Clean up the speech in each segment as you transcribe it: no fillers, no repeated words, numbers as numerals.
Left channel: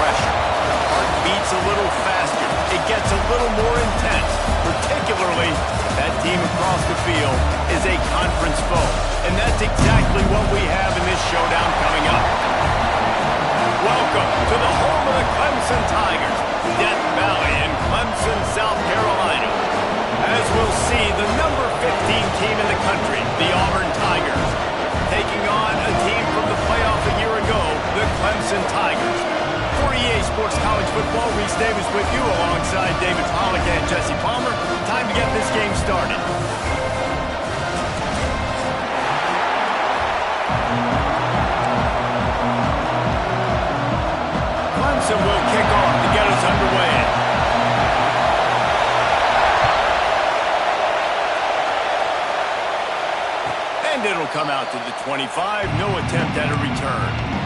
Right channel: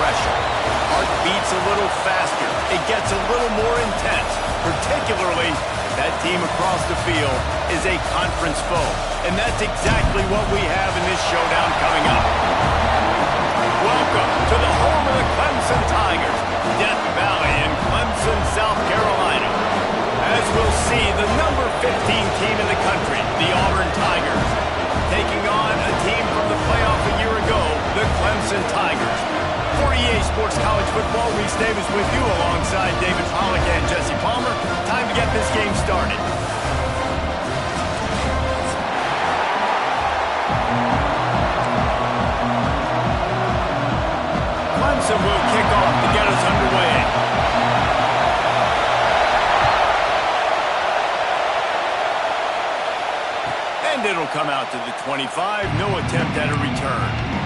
pressure. The heart beats a little faster. It gets a little more intense, particularly if that team across the field is a conference foe. And that's exactly what we have in this showdown coming up. Welcome to the home of the Clemson Tigers, Death Valley in Clemson, South Carolina. As we'll see, the number 15 team in the country, the Auburn Tigers, taking on a team from the playoff a year ago, the Clemson Tigers. For EA Sports College Football, Reese Davis with you alongside David Pollack and Jesse Palmer. Time to get this game started. Clemson will kick off to get us underway. And it'll come out to the 25. No attempt at a return.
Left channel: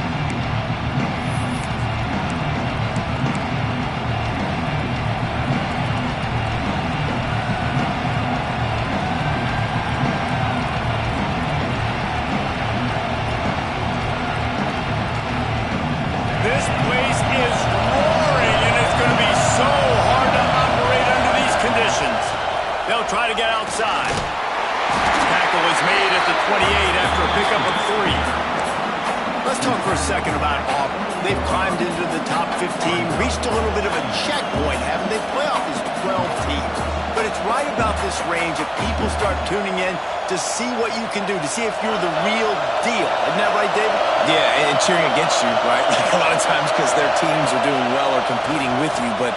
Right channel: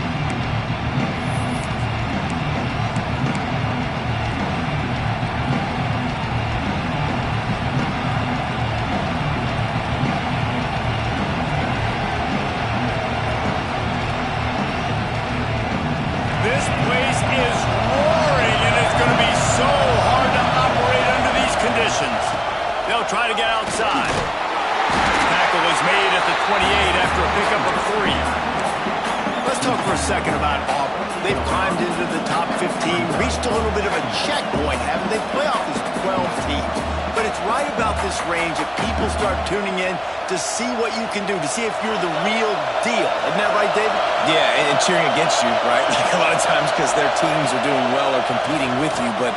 This place is roaring, and it's going to be so hard to operate under these conditions. They'll try to get outside. Tackle is made at the 28 after a pickup of 3. Let's talk for a second about Auburn. They've climbed into the top 15, reached a little bit of a checkpoint, haven't they? Playoff is 12 teams. But it's right about this range if people start tuning in to see what you can do, to see if you're the real deal. Isn't that right, David? Yeah, and cheering against you, right? Like a lot of times because their teams are doing well or competing with you. But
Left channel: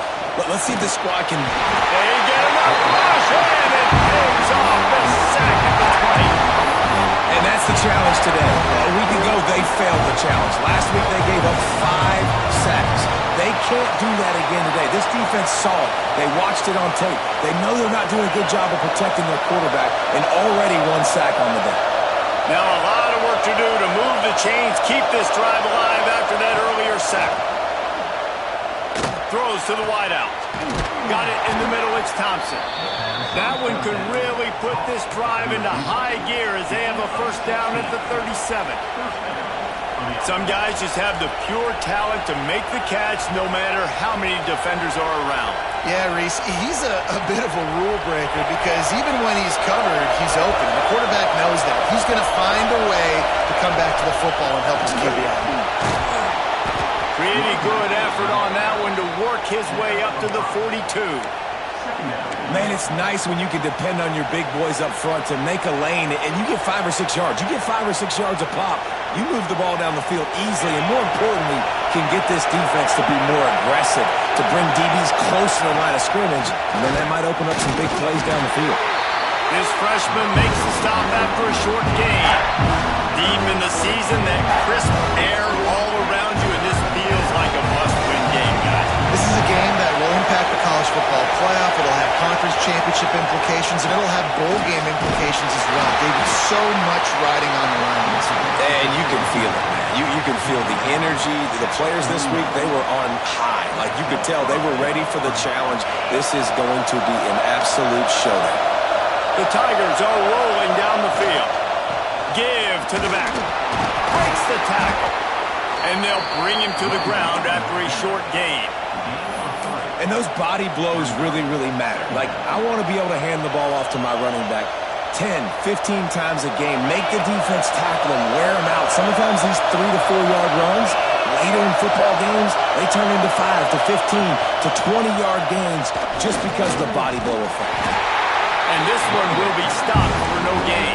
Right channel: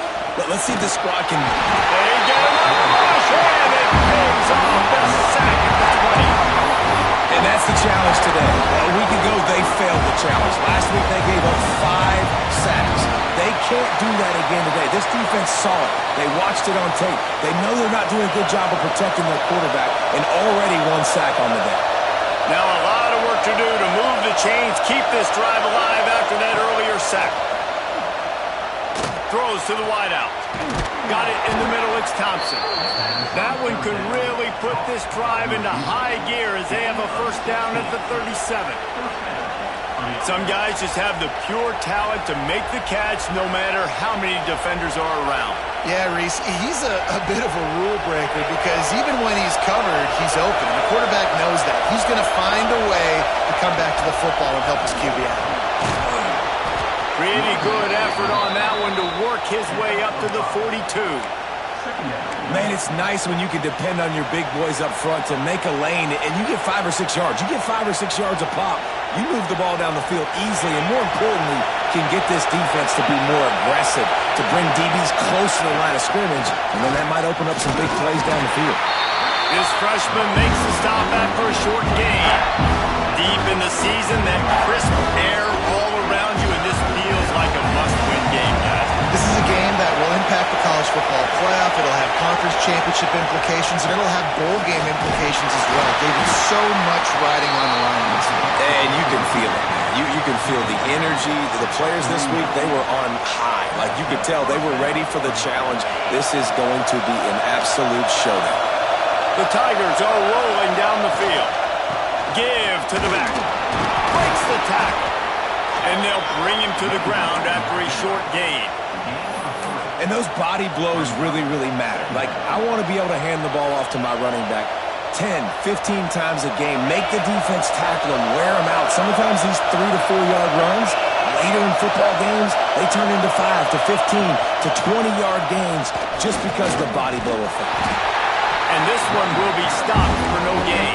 let's see if the squad can... They get him up, rush, and it pays off the sack at the 20. And that's the challenge today. A week ago, they failed the challenge. Last week, they gave up 5 sacks. They can't do that again today. This defense saw it. They watched it on tape. They know they're not doing a good job of protecting their quarterback, and already 1 sack on the day. Now a lot of work to do to move the chains, keep this drive alive after that earlier sack. Throws to the wideout. Got it in the middle, it's Thompson. That one could really put this drive into high gear as they have a first down at the 37. Some guys just have the pure talent to make the catch no matter how many defenders are around. Yeah, Reese, he's a bit of a rule breaker because even when he's covered, he's open. The quarterback knows that. He's going to find a way to come back to the football and help his QB out. Pretty good effort on that one to work his way up to the 42. Man, it's nice when you can depend on your big boys up front to make a lane, and you get 5 or 6 yards. You get 5 or 6 yards a pop. You move the ball down the field easily, and more importantly, can get this defense to be more aggressive, to bring DBs close to the line of scrimmage, and then that might open up some big plays down the field. This freshman makes the stop after a short gain. Deep in the season, that crisp air all around you, and this feels like a must-win game, guys. This is a game that will impact the college football playoff. It'll have conference championship implications, and it'll have bowl game implications as well. David, so much riding on the line in this one. And you can feel it, man. You can feel the energy. The players this week, they were on high. Like you could tell they were ready for the challenge. This is going to be an absolute showdown. The Tigers are rolling down the field. Give to the back. Breaks the tackle. And they'll bring him to the ground after a short gain. And those body blows really, really matter. Like, I want to be able to hand the ball off to my running back 10, 15 times a game. Make the defense tackle him, wear him out. Sometimes these 3 to 4 yard runs, later in football games, they turn into 5 to 15 to 20-yard gains just because of the body blow effect. And this one will be stopped for no gain.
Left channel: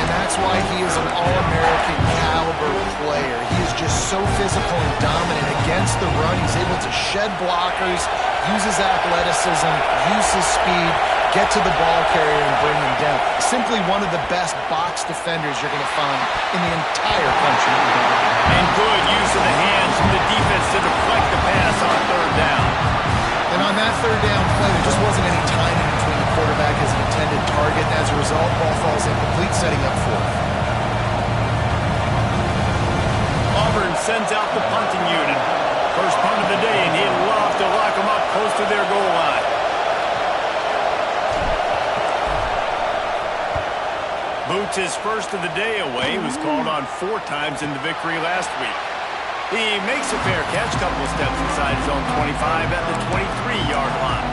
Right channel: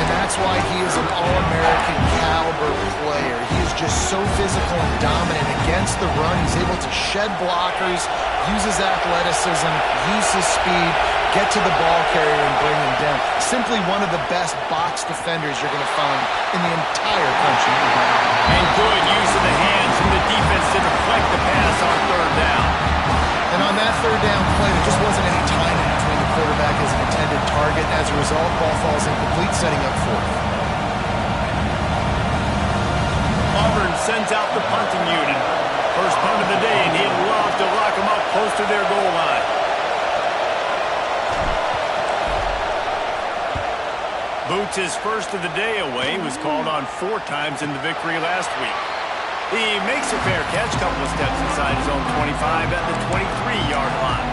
And that's why he is an All-American caliber player. He is just so physical and dominant against the run. He's able to shed blockers, use his athleticism, use his speed, get to the ball carrier and bring him down. Simply one of the best box defenders you're going to find in the entire country. And good use of the hands from the defense to deflect the pass on 3rd down. And on that 3rd down play, there just wasn't any time in between the quarterback as an intended target. And as a result, ball falls incomplete, setting up 4th. Auburn sends out the punting unit. First punt of the day, and he'd love to lock them up close to their goal line. Boots' first of the day away was called on 4 times in the victory last week. He makes a fair catch, couple of steps inside his own 25 at the 23-yard line.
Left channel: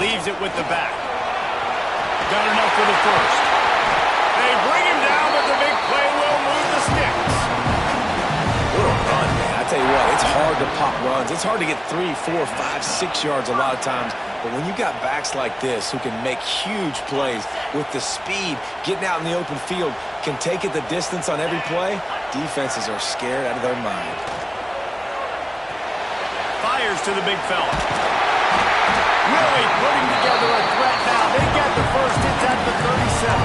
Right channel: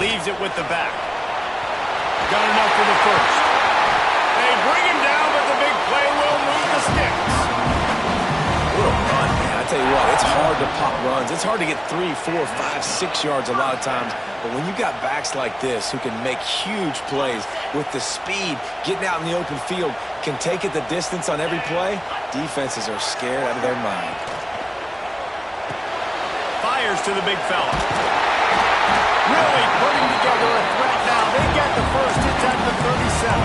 Leaves it with the back. Got enough for the first. They bring him down, but the big play will move the sticks. What a run, man. I tell you what, it's hard to pop runs. It's hard to get 3, 4, 5, 6 yards a lot of times. But when you got backs like this who can make huge plays with the speed, getting out in the open field, can take it the distance on every play, defenses are scared out of their mind. Fires to the big fella. Really putting together a threat now. They get the first. It's at the 37.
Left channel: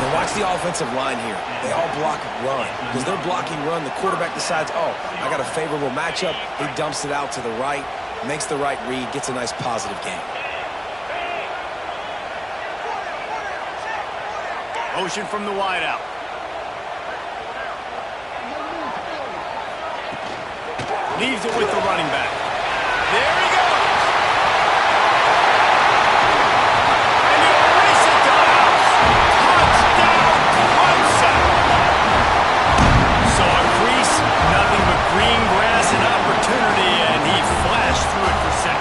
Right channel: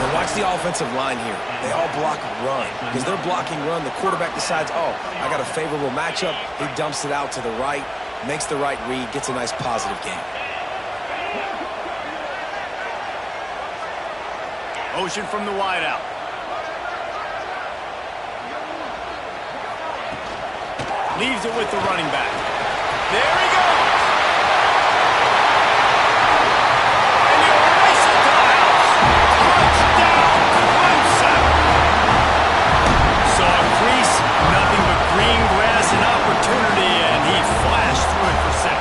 Now watch the offensive line here. They all block run. Because they're blocking run, the quarterback decides, oh, I got a favorable matchup. He dumps it out to the right, makes the right read, gets a nice positive gain. Motion from the wideout. Leaves it with the running back. There he goes. And he'll race it to the house. Touchdown, Clemson. Saw a crease, nothing but green grass and opportunity, and he flashed through it for 6.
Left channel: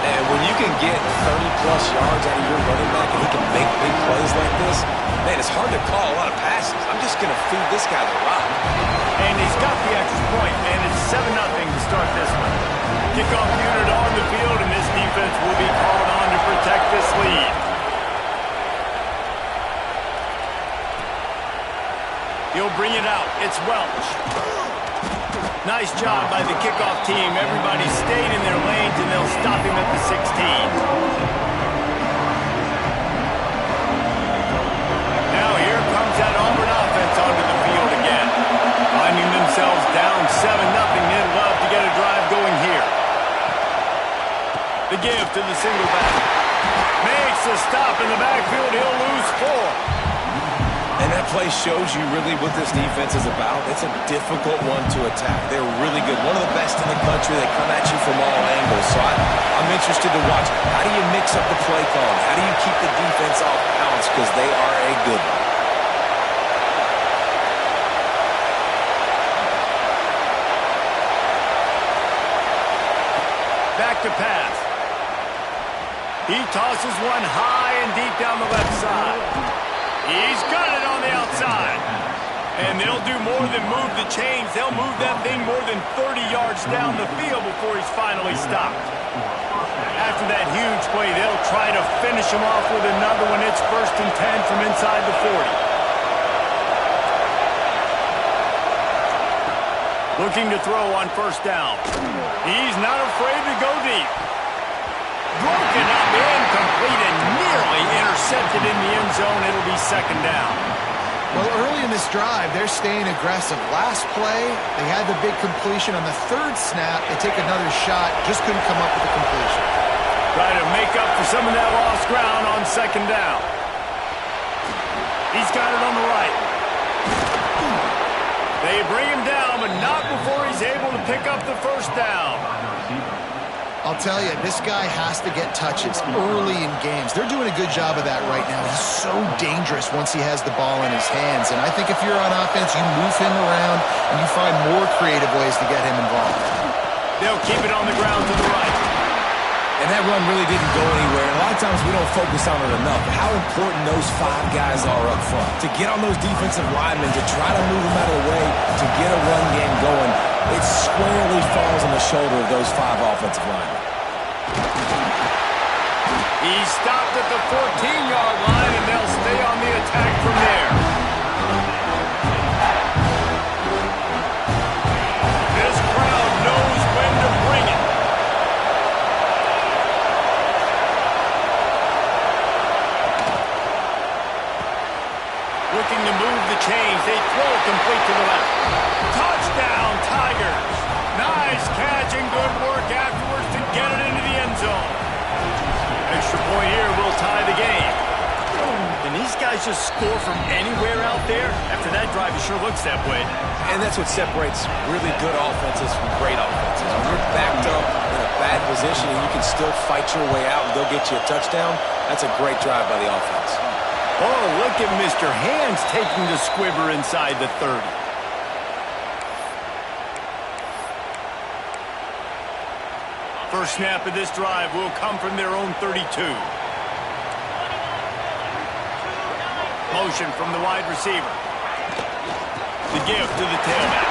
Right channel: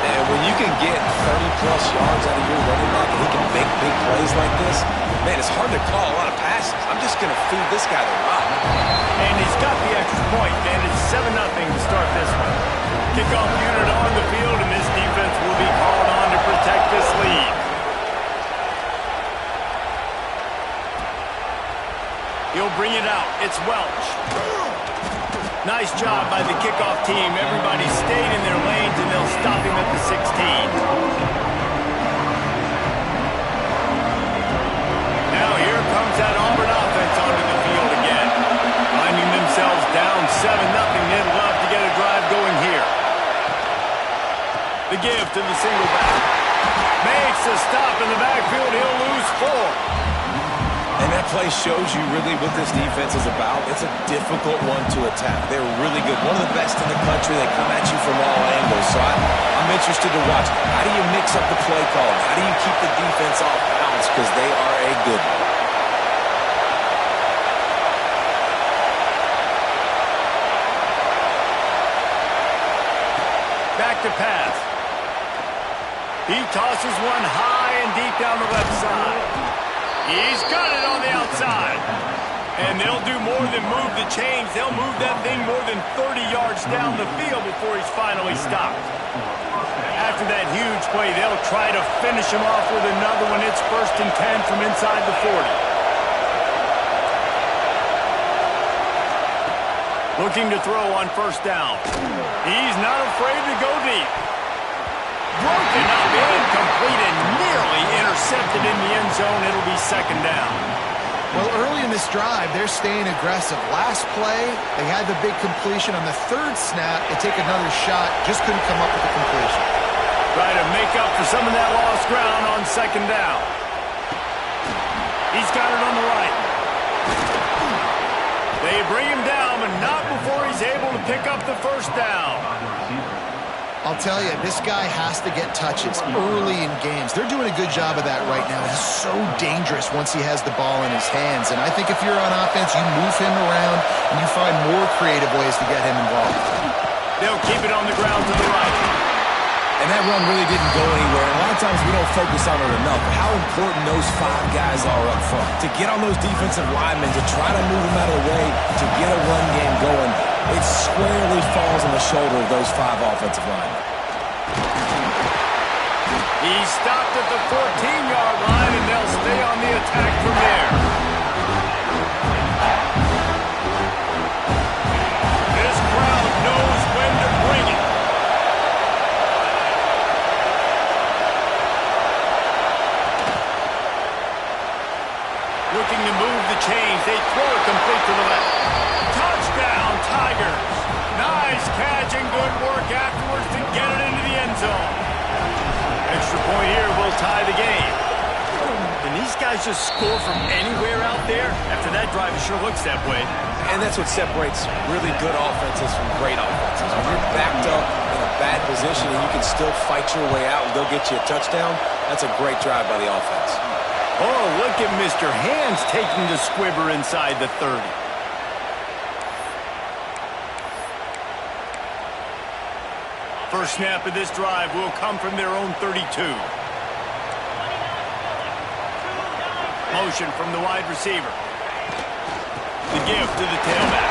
And when you can get 30-plus yards out of your running back and he can make big plays like this, man, it's hard to call a lot of passes. I'm just going to feed this guy the rock. And he's got the extra point, and it's 7-0 to start this one. Kickoff unit on the field, and this defense will be called on to protect this lead. He'll bring it out. It's Welch. Nice job by the kickoff team. Everybody stayed in their lanes, and they'll stop him at the 16. Now here comes that Auburn offense onto the field again. Finding themselves down 7-0, they'd love to get a drive going here. The give to the single back. Makes a stop in the backfield. He'll lose 4. And that play shows you really what this defense is about. It's a difficult one to attack. They're really good. One of the best in the country. They come at you from all angles. So I'm interested to watch. How do you mix up the play calling? How do you keep the defense off balance? Because they are a good one. Back to pass. He tosses one high and deep down the left side. He's got it on the outside. And they'll do more than move the chains. They'll move that thing more than 30 yards down the field before he's finally stopped. After that huge play, they'll try to finish him off with another one. It's 1st and 10 from inside the 40. Looking to throw on 1st down. He's not afraid to go deep. Broken up, incomplete, and nearly intercepted in the end zone. It'll be 2nd down. Well, early in this drive, they're staying aggressive. Last play, they had the big completion. On the 3rd snap, they take another shot, just couldn't come up with the completion. Try to make up for some of that lost ground on 2nd down. He's got it on the right. They bring him down, but not before he's able to pick up the 1st down. I'll tell you, this guy has to get touches early in games. They're doing a good job of that right now. He's so dangerous once he has the ball in his hands. And I think if you're on offense, you move him around and you find more creative ways to get him involved. They'll keep it on the ground to the right. And that run really didn't go anywhere. And a lot of times we don't focus on it enough. But how important those 5 guys are up front. To get on those defensive linemen, to try to move them out of the way, to get a run game going, it squarely falls on the shoulder of those 5 offensive linemen. He stopped at the 14-yard line, and they'll stay on the attack from there. This crowd knows when to bring it. Looking to move the chains. They throw it complete to the left. Touchdown, Tigers. Nice catch and good work afterwards to get it into the end zone. Extra point here will tie the game. Can these guys just score from anywhere out there? After that drive, it sure looks that way. And that's what separates really good offenses from great offenses. When you're backed up in a bad position and you can still fight your way out and go get you a touchdown, that's a great drive by the offense. Oh, look at Mr. Hands taking the squibber inside the 30. First snap of this drive will come from their own 32. Motion from the wide receiver. The give to the tailback.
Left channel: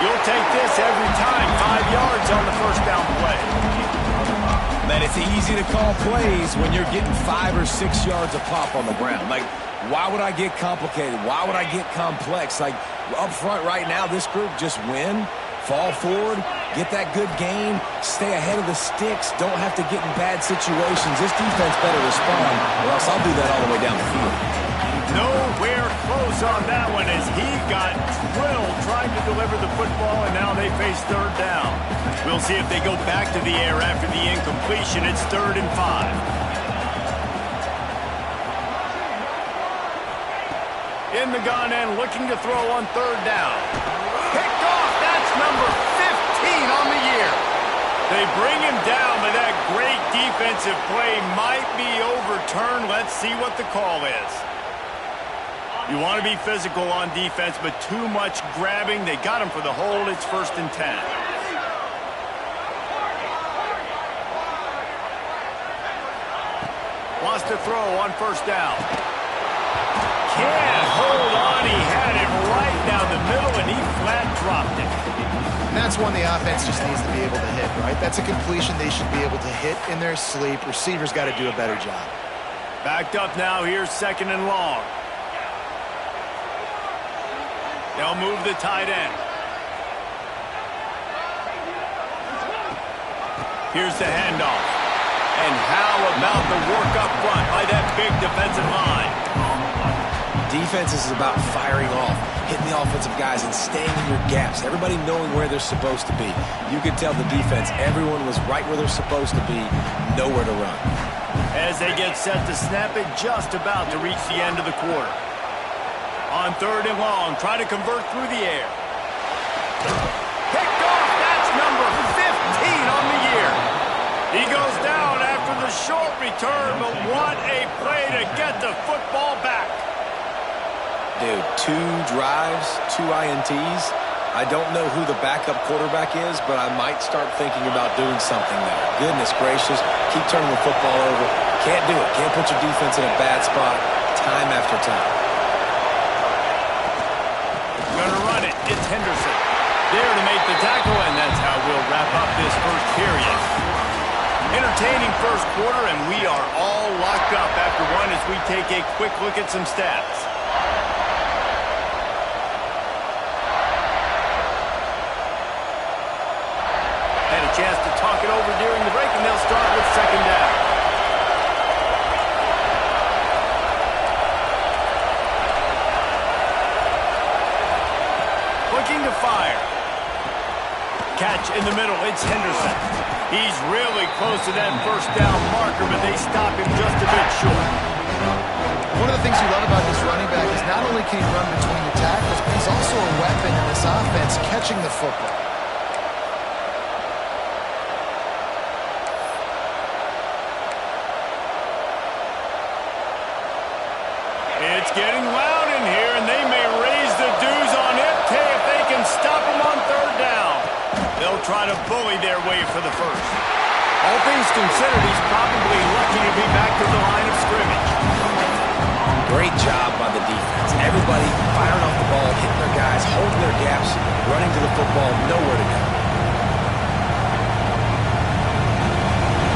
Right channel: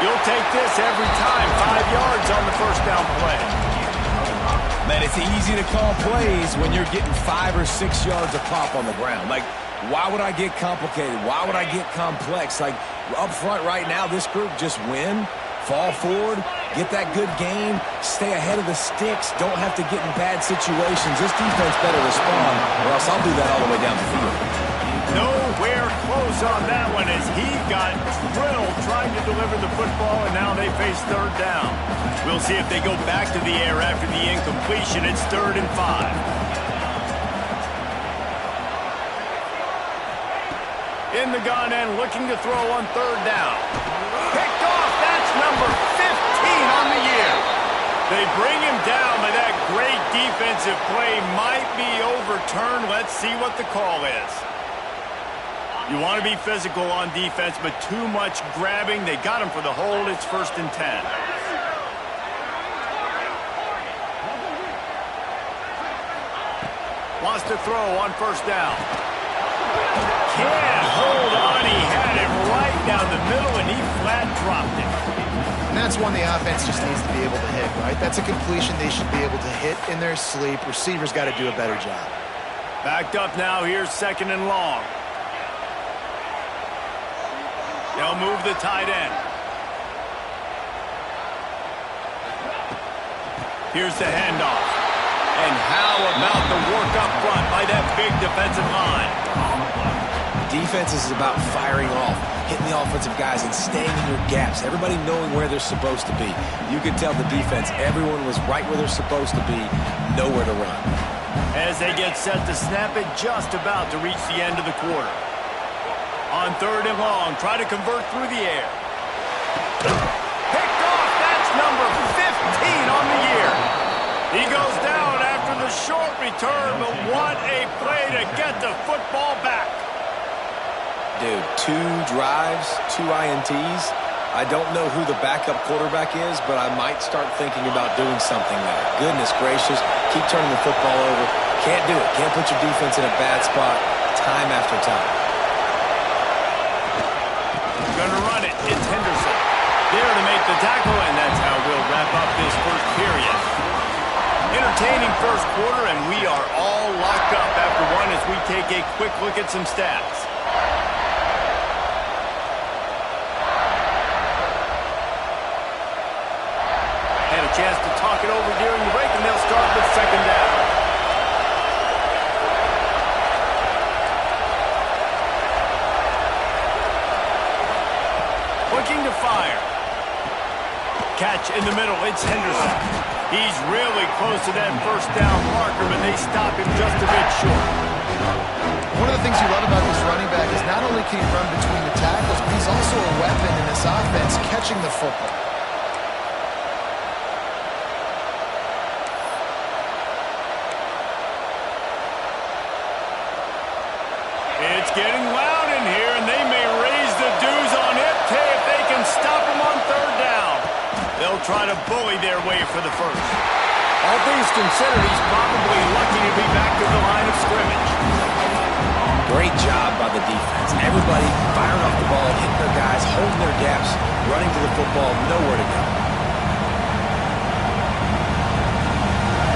You'll take this every time. 5 yards on the first down play. Man, it's easy to call plays when you're getting 5 or 6 yards a pop on the ground. Like, why would I get complicated? Why would I get complex? Like, up front right now, this group just win, fall forward, get that good gain, stay ahead of the sticks, don't have to get in bad situations. This defense better respond, or else I'll do that all the way down the field. Nowhere close on that one as he got drilled trying to deliver the football, and now they face third down. We'll see if they go back to the air after the incompletion. It's 3rd and 5. In the gun and looking to throw on 3rd down. Picked off. That's number 15 on the year. They bring him down, but that great defensive play might be overturned. Let's see what the call is. You want to be physical on defense, but too much grabbing. They got him for the hold. It's 1st and 10. Wants to throw on 1st down. Can't hold on. He had it right down the middle, and he flat dropped it. And that's one the offense just needs to be able to hit, right? That's a completion they should be able to hit in their sleep. Receivers got to do a better job. Backed up now. Here's 2nd and long. They'll move the tight end. Here's the handoff. And how about the work up front by that big defensive line? Defense is about firing off, hitting the offensive guys and staying in your gaps. Everybody knowing where they're supposed to be. You could tell the defense, everyone was right where they're supposed to be, nowhere to run. As they get set to snap it, just about to reach the end of the quarter. On 3rd and long, try to convert through the air. Picked off. That's number 15 on the year. He goes down after the short return, but what a play to get the football back. Dude, 2 drives, 2 INTs. I don't know who the backup quarterback is, but I might start thinking about doing something there. Goodness gracious, keep turning the football over. Can't do it. Can't put your defense in a bad spot time after time. Gonna run it. It's Henderson. There to make the tackle, and that's how we'll wrap up this first period. Entertaining first quarter, and we are all locked up after one as we take a quick look at some stats. Had a chance to talk it over during the break, and they'll start with 2nd down. Looking to fire. Catch in the middle. It's Henderson. He's really close to that 1st down marker, but they stop him just a bit short. One of the things you love about this running back is not only can he run between the tackles, but he's also a weapon in this offense, catching the football. It's getting loud in here, and they may raise the dues on it if they can stop him on 3rd down. They'll try to bully their way for the 1st. All things considered, he's probably lucky to be back to the line of scrimmage. Great job by the defense. Everybody firing off the ball, hitting their guys, holding their gaps, running to the football, nowhere to go.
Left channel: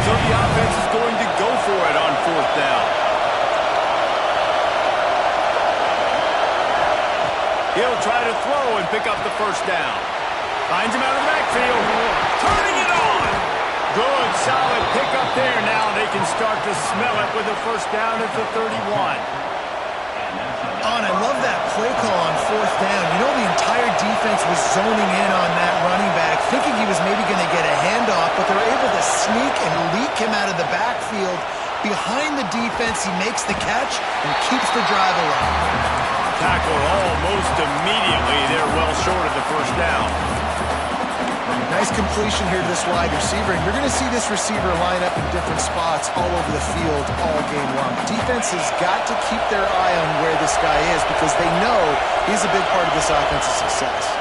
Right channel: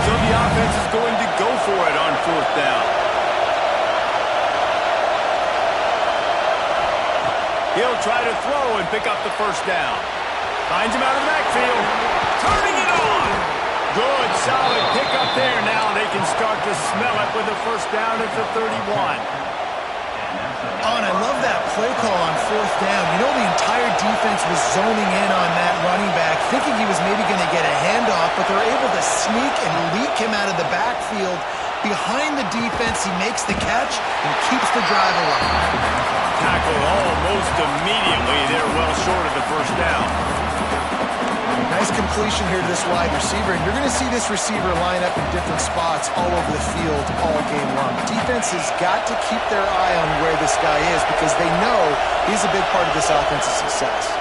So the offense is going to go for it on 4th down. He'll try to throw and pick up the 1st down. Finds him out of the backfield. Turning it on. Good, solid pickup there. Now they can start to smell it with a 1st down at the 31. Oh, and I love that play call on 4th down. You know, the entire defense was zoning in on that running back, thinking he was maybe going to get a handoff, but they're able to sneak and leak him out of the backfield behind the defense. He makes the catch and keeps the drive alive. Tackled almost immediately. They're well short of the first down. Nice completion here to this wide receiver, and you're going to see this receiver line up in different spots all over the field all game long. Defense has got to keep their eye on where this guy is because they know he's a big part of this offense's success.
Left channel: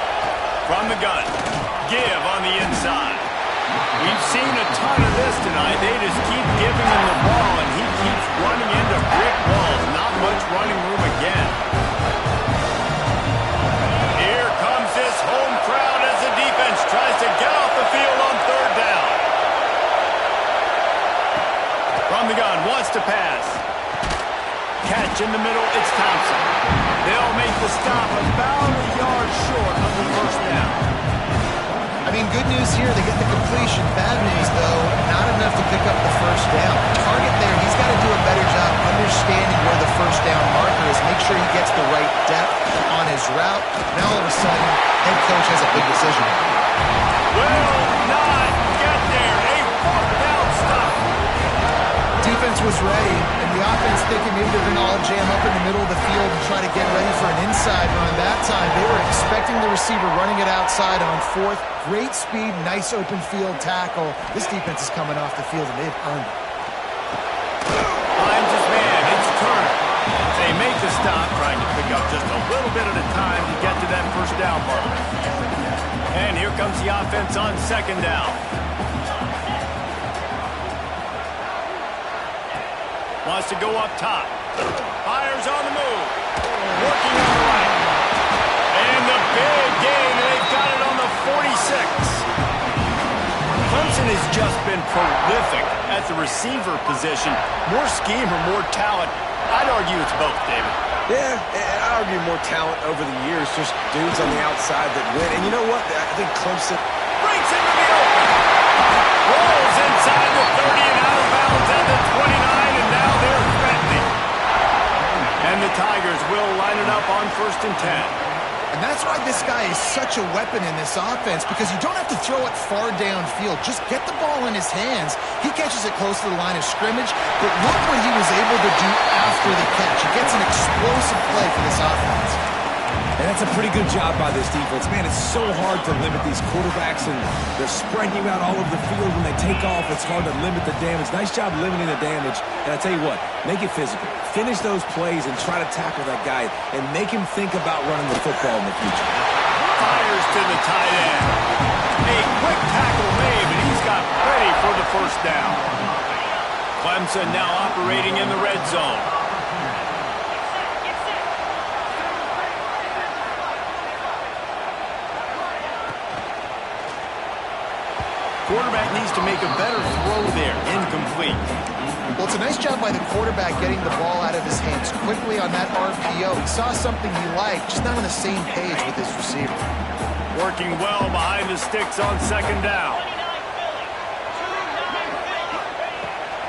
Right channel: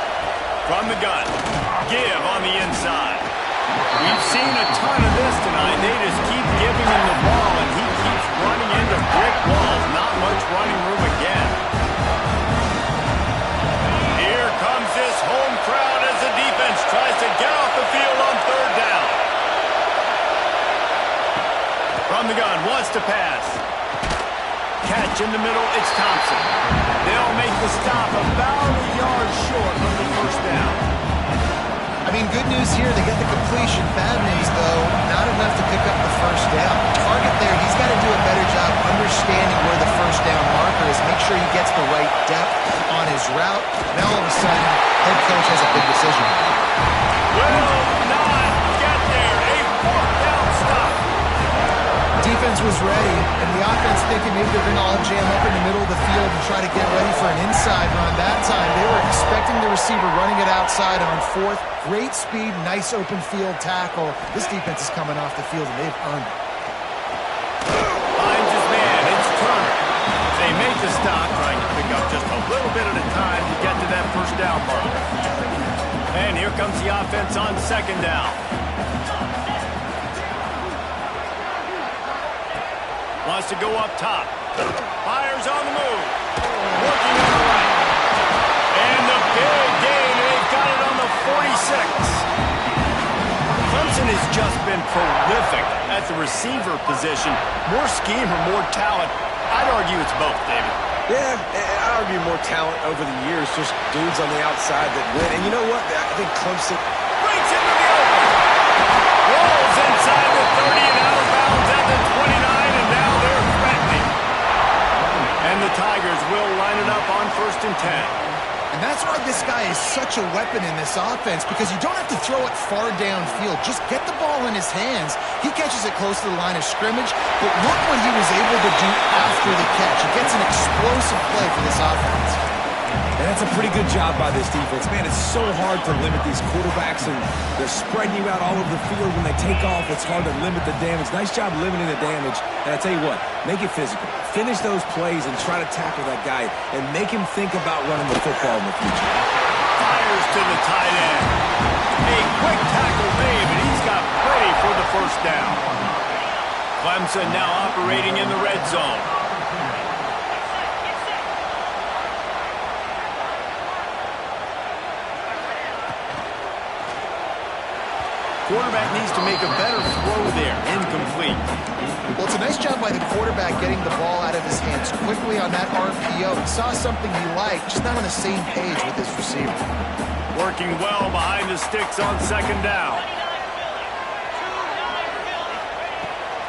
From the gun, give on the inside. We've seen a ton of this tonight. They just keep giving him the ball, and he keeps running into brick walls. Not much running room again. Here comes this home crowd as the defense tries to get off the field on third down. From the gun, wants to pass. Catch in the middle, it's Thompson. They'll make the stop about a yard short of the first down. I mean, good news here, they get the completion. Bad news, though, not enough to pick up the first down. Target there, he's got to do a better job understanding where the first down marker is. Make sure he gets the right depth on his route. Now, all of a sudden, head coach has a big decision. Will not get there. A fourth down stop. Defense was ready, and the offense thinking maybe they're going to all jam up in the middle of the field and try to get ready for an inside run. That time, they were expecting the receiver running it outside on fourth. Great speed, nice open field tackle. This defense is coming off the field, and they've earned it. Finds his man. It's Turner. They make the stop, trying to pick up just a little bit at a time to get to that first down marker. And here comes the offense on second down. Wants to go up top. Fires on the move. Working on the right. And the big gain, and they've got it on the 46. Clemson has just been prolific at the receiver position. More scheme or more talent? I'd argue it's both, David. Yeah, I'd argue more talent over the years. Just dudes on the outside that win. And you know what? I think Clemson Breaks into the open. Rolls inside the 30 and out of bounds at the 29, and now they're threatening. And the Tigers will line it up on 1st and 10. And that's why this guy is such a weapon in this offense, because you don't have to throw it far downfield. Just get the ball in his hands. He catches it close to the line of scrimmage, but look what he was able to do after the catch. He gets an explosive play for this offense. And that's a pretty good job by this defense. Man, it's so hard to limit these quarterbacks, and they're spreading you out all over the field. When they take off, it's hard to limit the damage. Nice job limiting the damage. And I tell you what, make it physical. Finish those plays and try to tackle that guy and make him think about running the football in the future. Fires to the tight end. A quick tackle made, but he's got plenty for the first down. Clemson now operating in the red zone. Quarterback needs to make a better throw there. Incomplete. Well, it's a nice job by the quarterback getting the ball out of his hands quickly on that RPO. He saw something he liked, just not on the same page with his receiver. Working well behind the sticks on second down.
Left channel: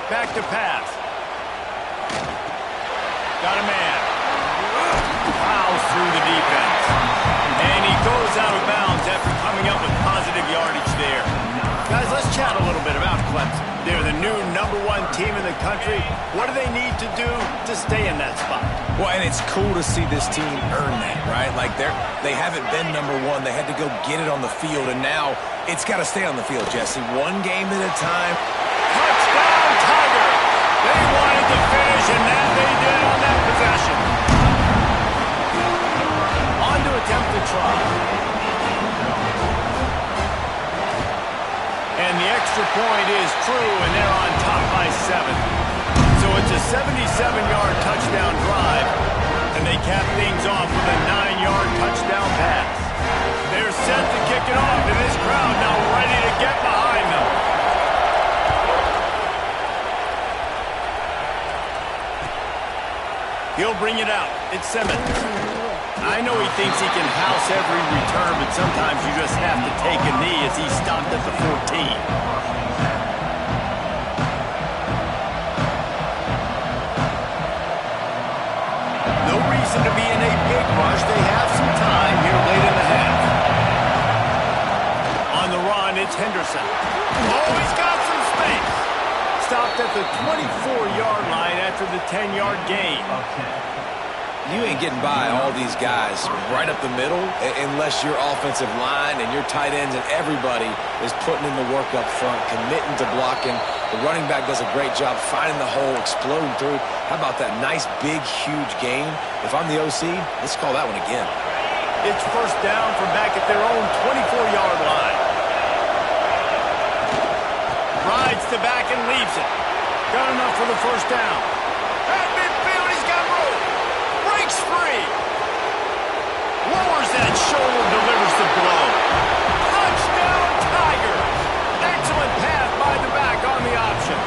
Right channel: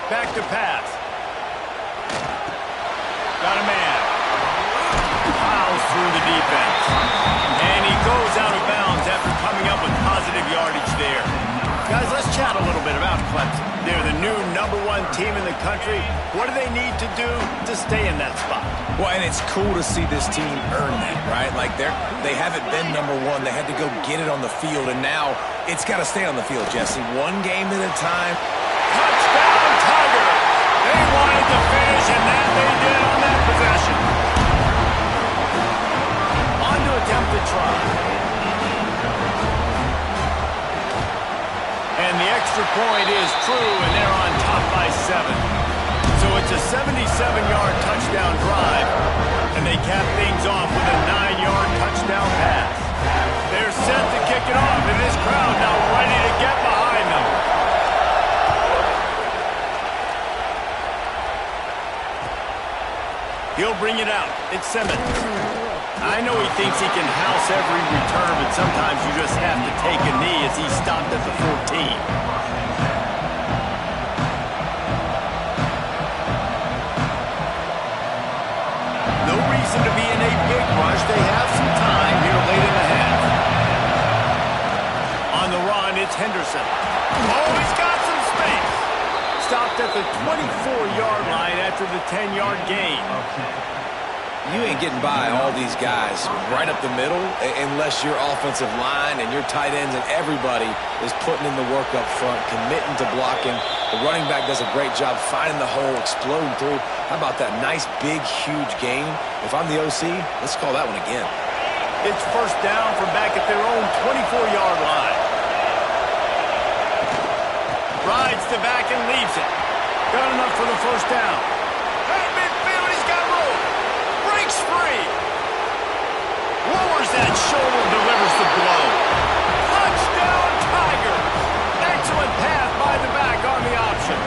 Back to pass. Got a man. Fouls through the defense. And he goes out of bounds after coming up with positive yardage there. Guys, let's chat a little bit about Clemson. They're the new #1 team in the country. What do they need to do to stay in that spot? Well, and it's cool to see this team earn that, right? Like they haven't been #1. They had to go get it on the field, and now it's got to stay on the field, Jesse. One game at a time. Touchdown, Tigers! They wanted to finish, and that they did on that possession. On to attempt the try. And the extra point is true, and they're on top by 7. So it's a 77-yard touchdown drive, and they cap things off with a 9-yard touchdown pass. They're set to kick it off, and this crowd now ready to get behind them. He'll bring it out. It's Simmons. I know he thinks he can house every return, but sometimes you just have to take a knee as he stopped at the 14. No reason to be in a big rush. They have some time here late in the half. On the run, it's Henderson. Oh, he's got some space. Stopped stopped at the 24-yard line after the 10-yard gain. You ain't getting by all these guys right up the middle unless your offensive line and your tight ends and everybody is putting in the work up front, committing to blocking. The running back does a great job finding the hole, exploding through. How about that nice, big, huge gain? If I'm the OC, let's call that one again. It's first down from back at their own 24-yard line. Rides the back and leaves it. Got enough for the first down. At midfield, he's got room. Breaks free. Lowers that shoulder, delivers the blow. Touchdown, Tigers. Excellent pass by the back on the option.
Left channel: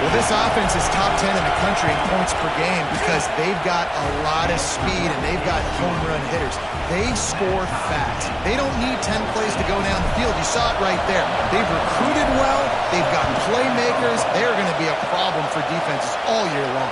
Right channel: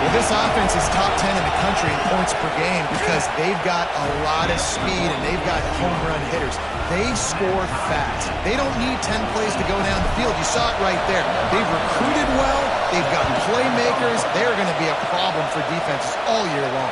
Well, this offense is top 10 in the country in points per game because they've got a lot of speed and they've got home run hitters. They score fast. They don't need 10 plays to go down the field. You saw it right there. They've recruited well. They've got playmakers. They're going to be a problem for defenses all year long.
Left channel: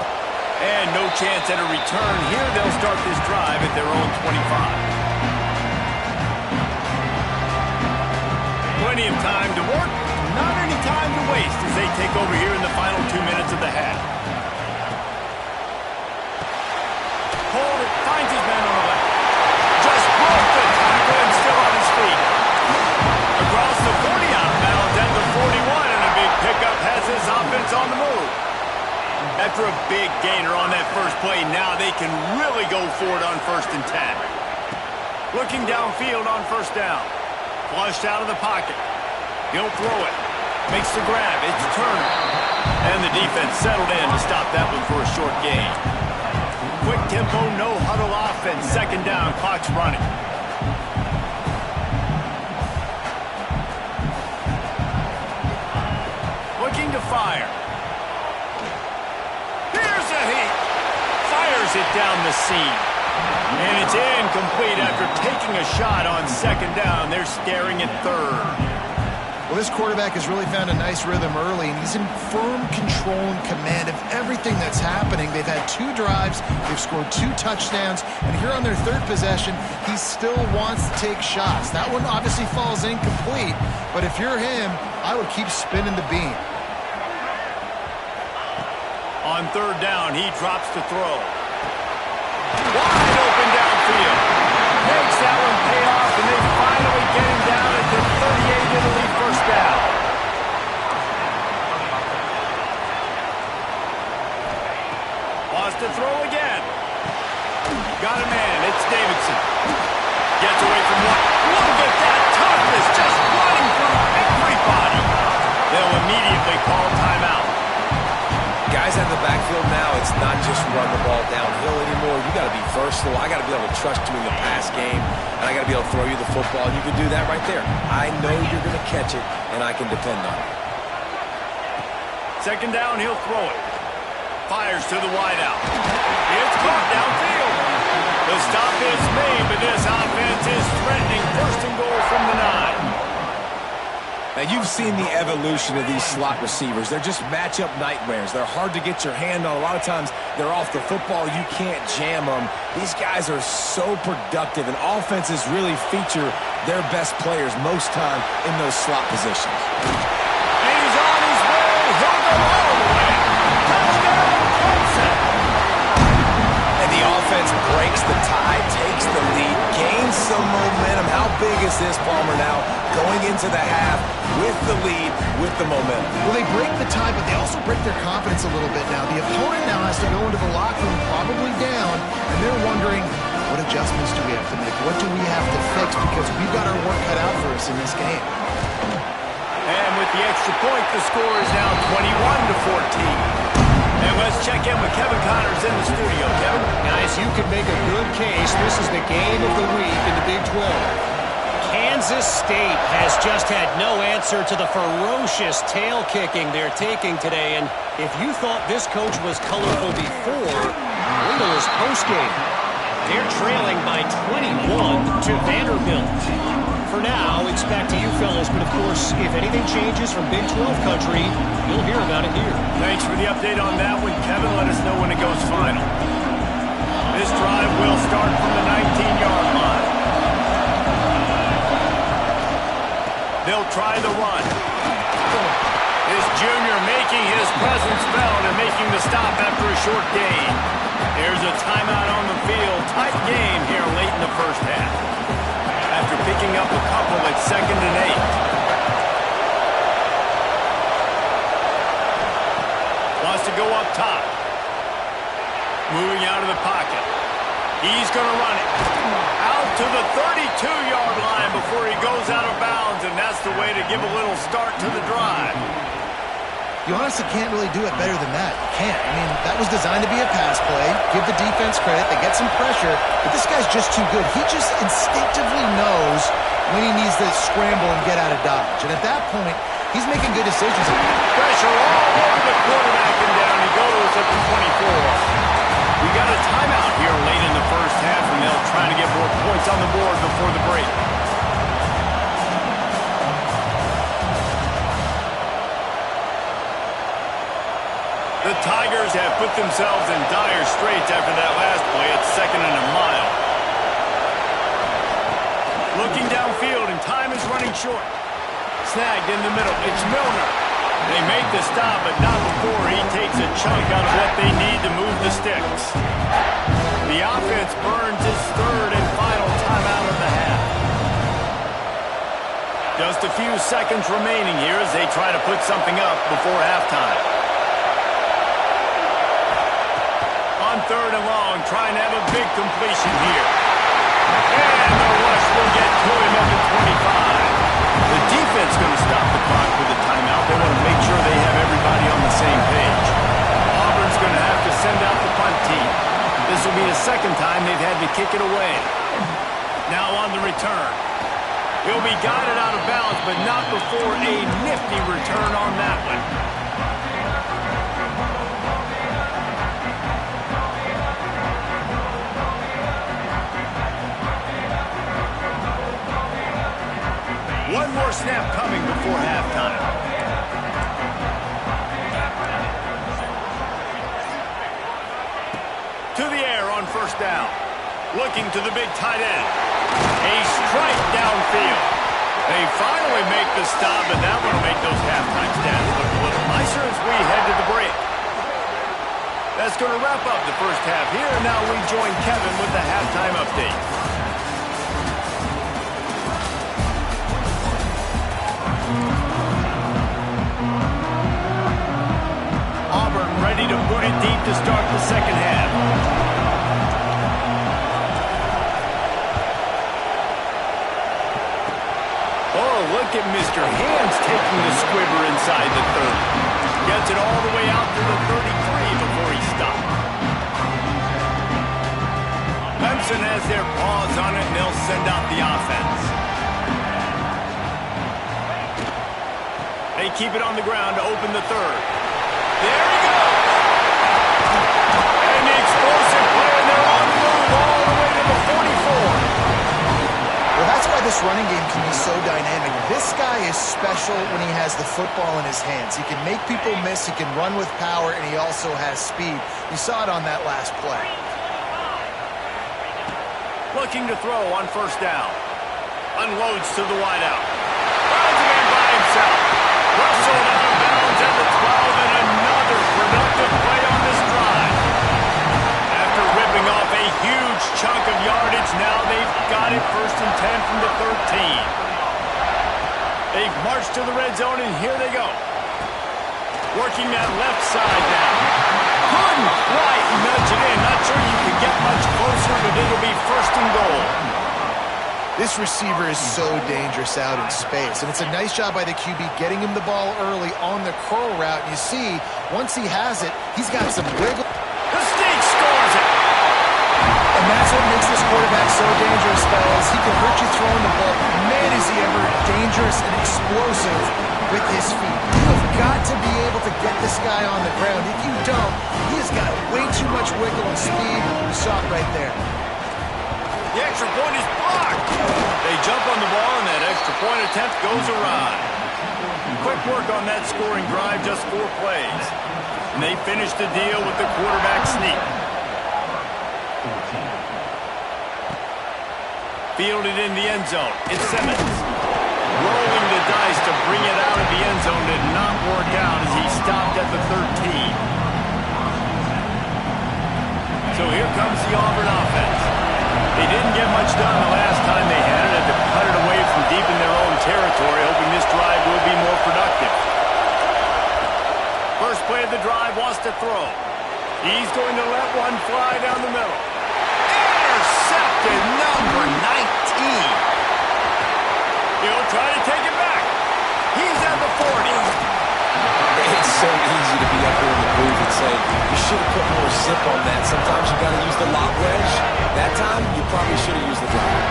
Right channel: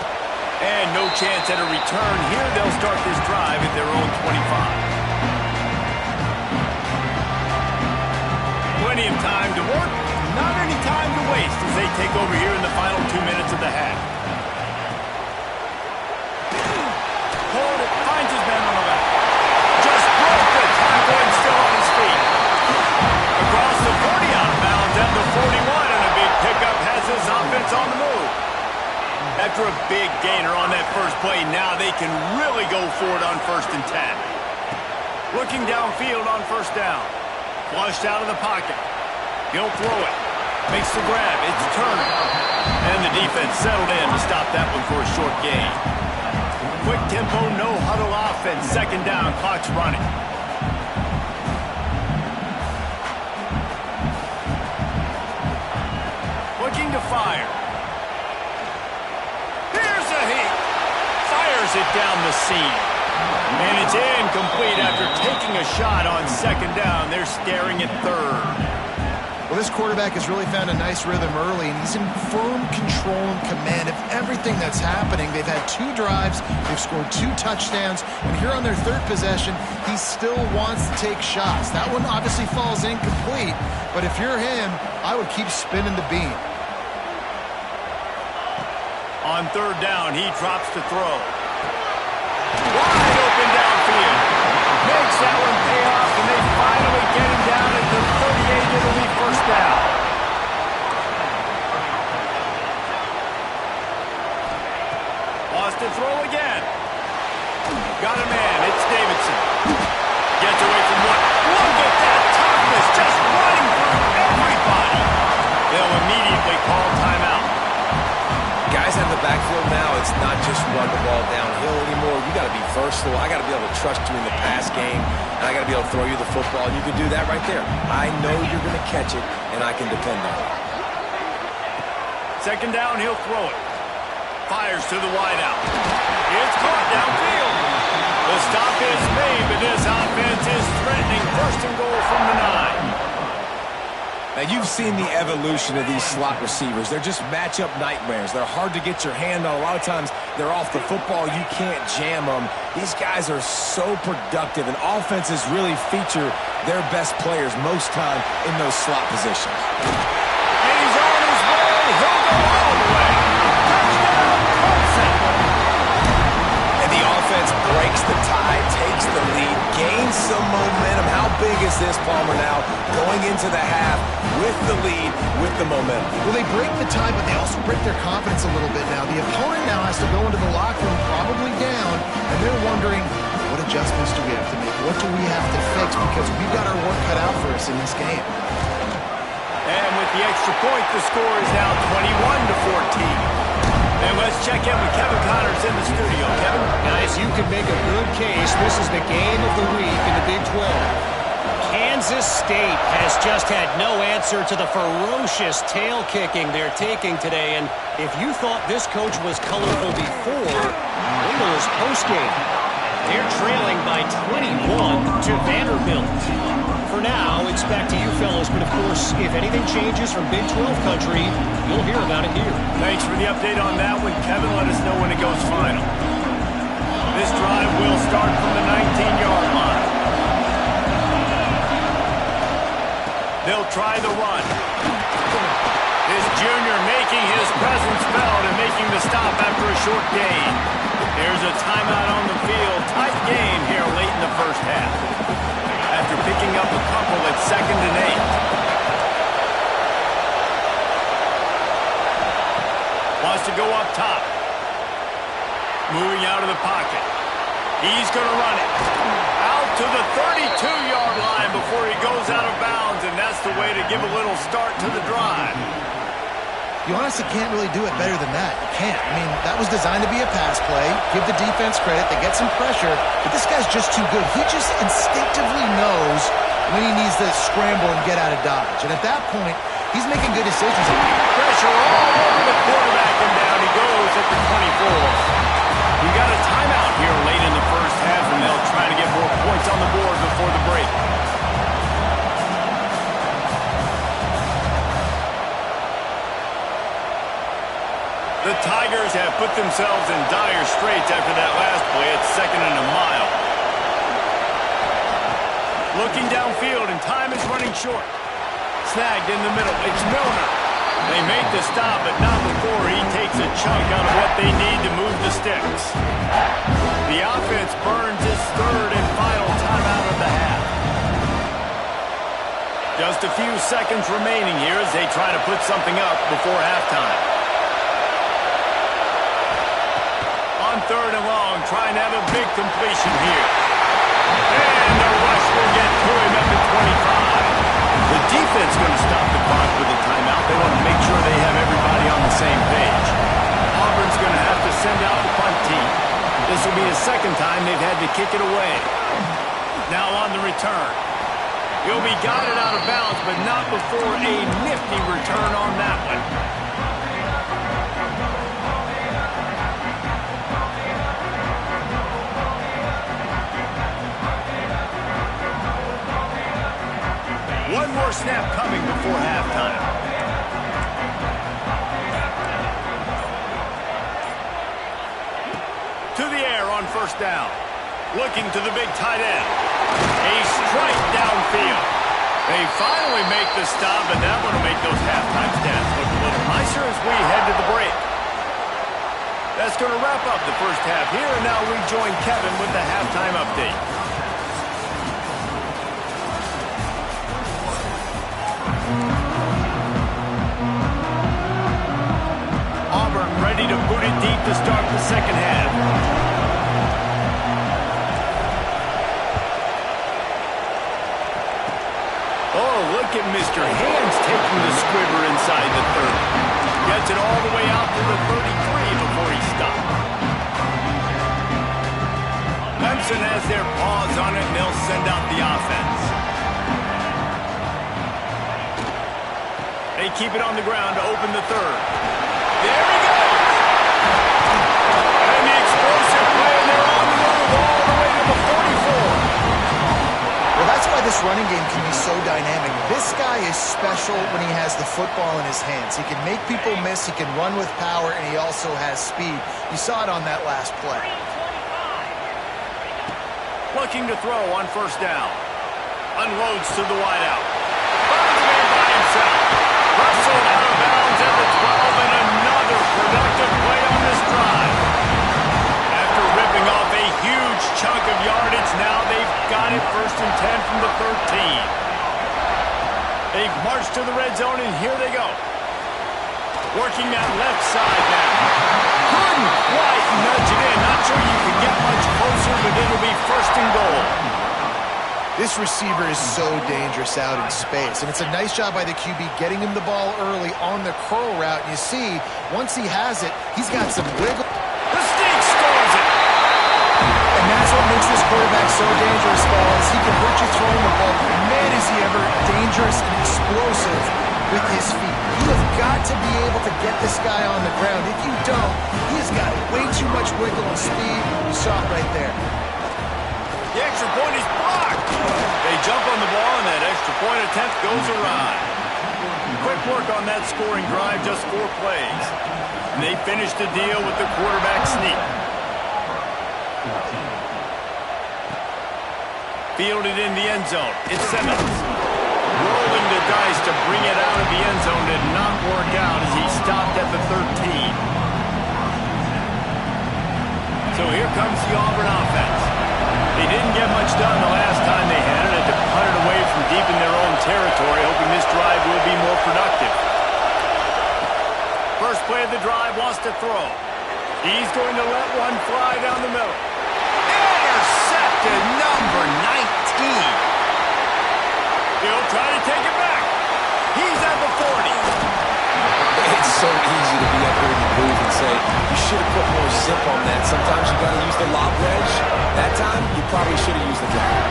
And no chance at a return. Here they'll start this drive at their own 25. Plenty of time to work. Not any time to waste as they take over here in the final 2 minutes of the half. Hold it, finds his man on the left. Just broke the tackle and still on his feet. Across the 40 out of bounds at the 41, and a big pickup has his offense on the move. After a big gainer on that first play, now they can really go for it on 1st and 10. Looking downfield on first down. Flushed out of the pocket. He'll throw it. Makes the grab. It's Turner. And the defense settled in to stop that one for a short gain. Quick tempo, no huddle offense. 2nd down, clock's running. Looking to fire. Here's a heat. Fires it down the seam. And it's incomplete after taking a shot on 2nd down. They're staring at 3rd. Well, this quarterback has really found a nice rhythm early, and he's in firm control and command of everything that's happening. They've had 2 drives. They've scored 2 touchdowns. And here on their 3rd possession, he still wants to take shots. That one obviously falls incomplete. But if you're him, I would keep spinning the beam. On 3rd down, he drops to throw. Wide open downfield. Makes that one pay off, and they finally get him down at the 38. It'll be 1st down. Wants to throw again. Got a man. It's Davidson. Gets away from one. Look at that toughness, just running through everybody. They'll immediately call timeout. Guys out of the backfield now, it's not just run the ball downhill anymore. You got to be versatile. I got to be able to trust you in the pass game, and I got to be able to throw you the football. And you can do that right there. I know you're going to catch it, and I can depend on it. 2nd down, he'll throw it. Fires to the wideout. It's caught downfield. The stop is made, but this offense is threatening 1st and goal from the 9. Now, you've seen the evolution of these slot receivers. They're just matchup nightmares. They're hard to get your hand on. A lot of times, they're off the football. You can't jam them. These guys are so productive, and offenses really feature their best players most time in those slot positions. And he's on his way. He'll go all the way. Touchdown, Clemson. And the offense breaks the tie, takes the lead, gains some momentum. How big is this, Palmer, now going into the half with the lead, with the momentum? Well, they break the tie, but they also break their confidence a little bit now. The opponent now has to go into the locker room probably down, and they're wondering, what adjustments do we have to make? What do we have to fix? Because we've got our work cut out for us in this game. And with the extra point, the score is now 21-14. And let's check in with Kevin Connors in the studio. Kevin? Guys, you could make a good case. This is the game of the week in the Big 12. Kansas State has just had no answer to the ferocious tail kicking they're taking today. And if you thought this coach was colorful before, wait till his postgame. They're trailing by 21 to Vanderbilt. For now, it's back to you fellas, but of course, if anything changes from Big 12 country, you'll hear about it here. Thanks for the update on that one, Kevin. Let us know when it goes final. This drive will start from the 19-yard line. They'll try the run. This junior making making his presence felt and making the stop after a short gain. There's a timeout on the field. Tight game here late in the first half. After picking up a couple at 2nd and 8. Wants to go up top. Moving out of the pocket. He's going to run it. Out to the 32-yard line before he goes out of bounds, and that's the way to give a little start to the drive. You honestly can't really do it better than that. You can't. I mean, that was designed to be a pass play. Give the defense credit. They get some pressure, but this guy's just too good. He just instinctively knows when he needs to scramble and get out of dodge. And at that point, he's making good decisions. Pressure all over the quarterback, and down he goes at the 24. We got a timeout here late in the first half, and they'll try to get more points on the board before the break. The Tigers have put themselves in dire straits after that last play. It's 2nd and a mile. Looking downfield, and time is running short. Snagged in the middle. It's Milner. They make the stop, but not before he takes a chunk out of what they need to move the sticks. The offense burns its 3rd and final timeout of the half. Just a few seconds remaining here as they try to put something up before halftime. On 3rd and long, trying to have a big completion here. And the rush will get to him at the 25. The defense going to stop the clock with a timeout. They want to make sure they have everybody on the same page. Auburn's going to have to send out the punt team. This will be the 2nd time they've had to kick it away. Now on the return. He'll be guided out of bounds, but not before a nifty return on that one. One more snap coming before halftime. To the air on 1st down. Looking to the big tight end. A strike downfield. They finally make the stop, but that one will make those halftime stats look a little nicer as we head to the break. That's going to wrap up the first half here, and now we join Kevin with the halftime update. Auburn ready to boot it deep to start the second half. Oh, look at Mr. Hands taking the squibber inside the 30. Gets it all the way out to the 33 before he stopped. Clemson has their paws on it, and they'll send out the offense. They keep it on the ground to open the 3rd. There he goes! And the explosive play, and they're on the move all the way to the 44. Well, that's why this running game can be so dynamic. This guy is special when he has the football in his hands. He can make people miss, he can run with power, and he also has speed. You saw it on that last play. Looking to throw on 1st down. Unloads to the wideout. Finds a man by himself. Rustled out of bounds at the 12, and another productive play on this drive. After ripping off a huge chunk of yardage, now they've got it 1st and 10 from the 13. They've marched to the red zone, and here they go. Working that left side now. Couldn't quite nudge it in. Not sure you could get much closer, but it'll be 1st and goal. This receiver is so dangerous out in space, and it's a nice job by the QB getting him the ball early on the curl route. And you see, once he has it, he's got some wiggle. The Sneak scores it! And that's what makes this quarterback so dangerous, fellas. He can hurt you throwing the ball. Man, is he ever dangerous and explosive with his feet. You have got to be able to get this guy on the ground. If you don't, he has got way too much wiggle and speed. You saw it right there. The extra point is blocked. They jump on the ball, and that extra point attempt goes awry. Quick work on that scoring drive, just 4 plays. And they finish the deal with the quarterback sneak. Fielded in the end zone. It's Simmons. Rolling the dice to bring it out of the end zone did not work out as he stopped at the 13. So here comes the Auburn offense. They didn't get much done the last time they had it. Had to punt it away from deep in their own territory, hoping this drive will be more productive. First play of the drive, wants to throw. He's going to let one fly down the middle. Intercepted, number 19. He'll try to take it back. He's at the 40. It's so easy to be up here in the booth and say, you should have put more zip on that. Sometimes you got to use the lob wedge. That time, you probably should have used the drive.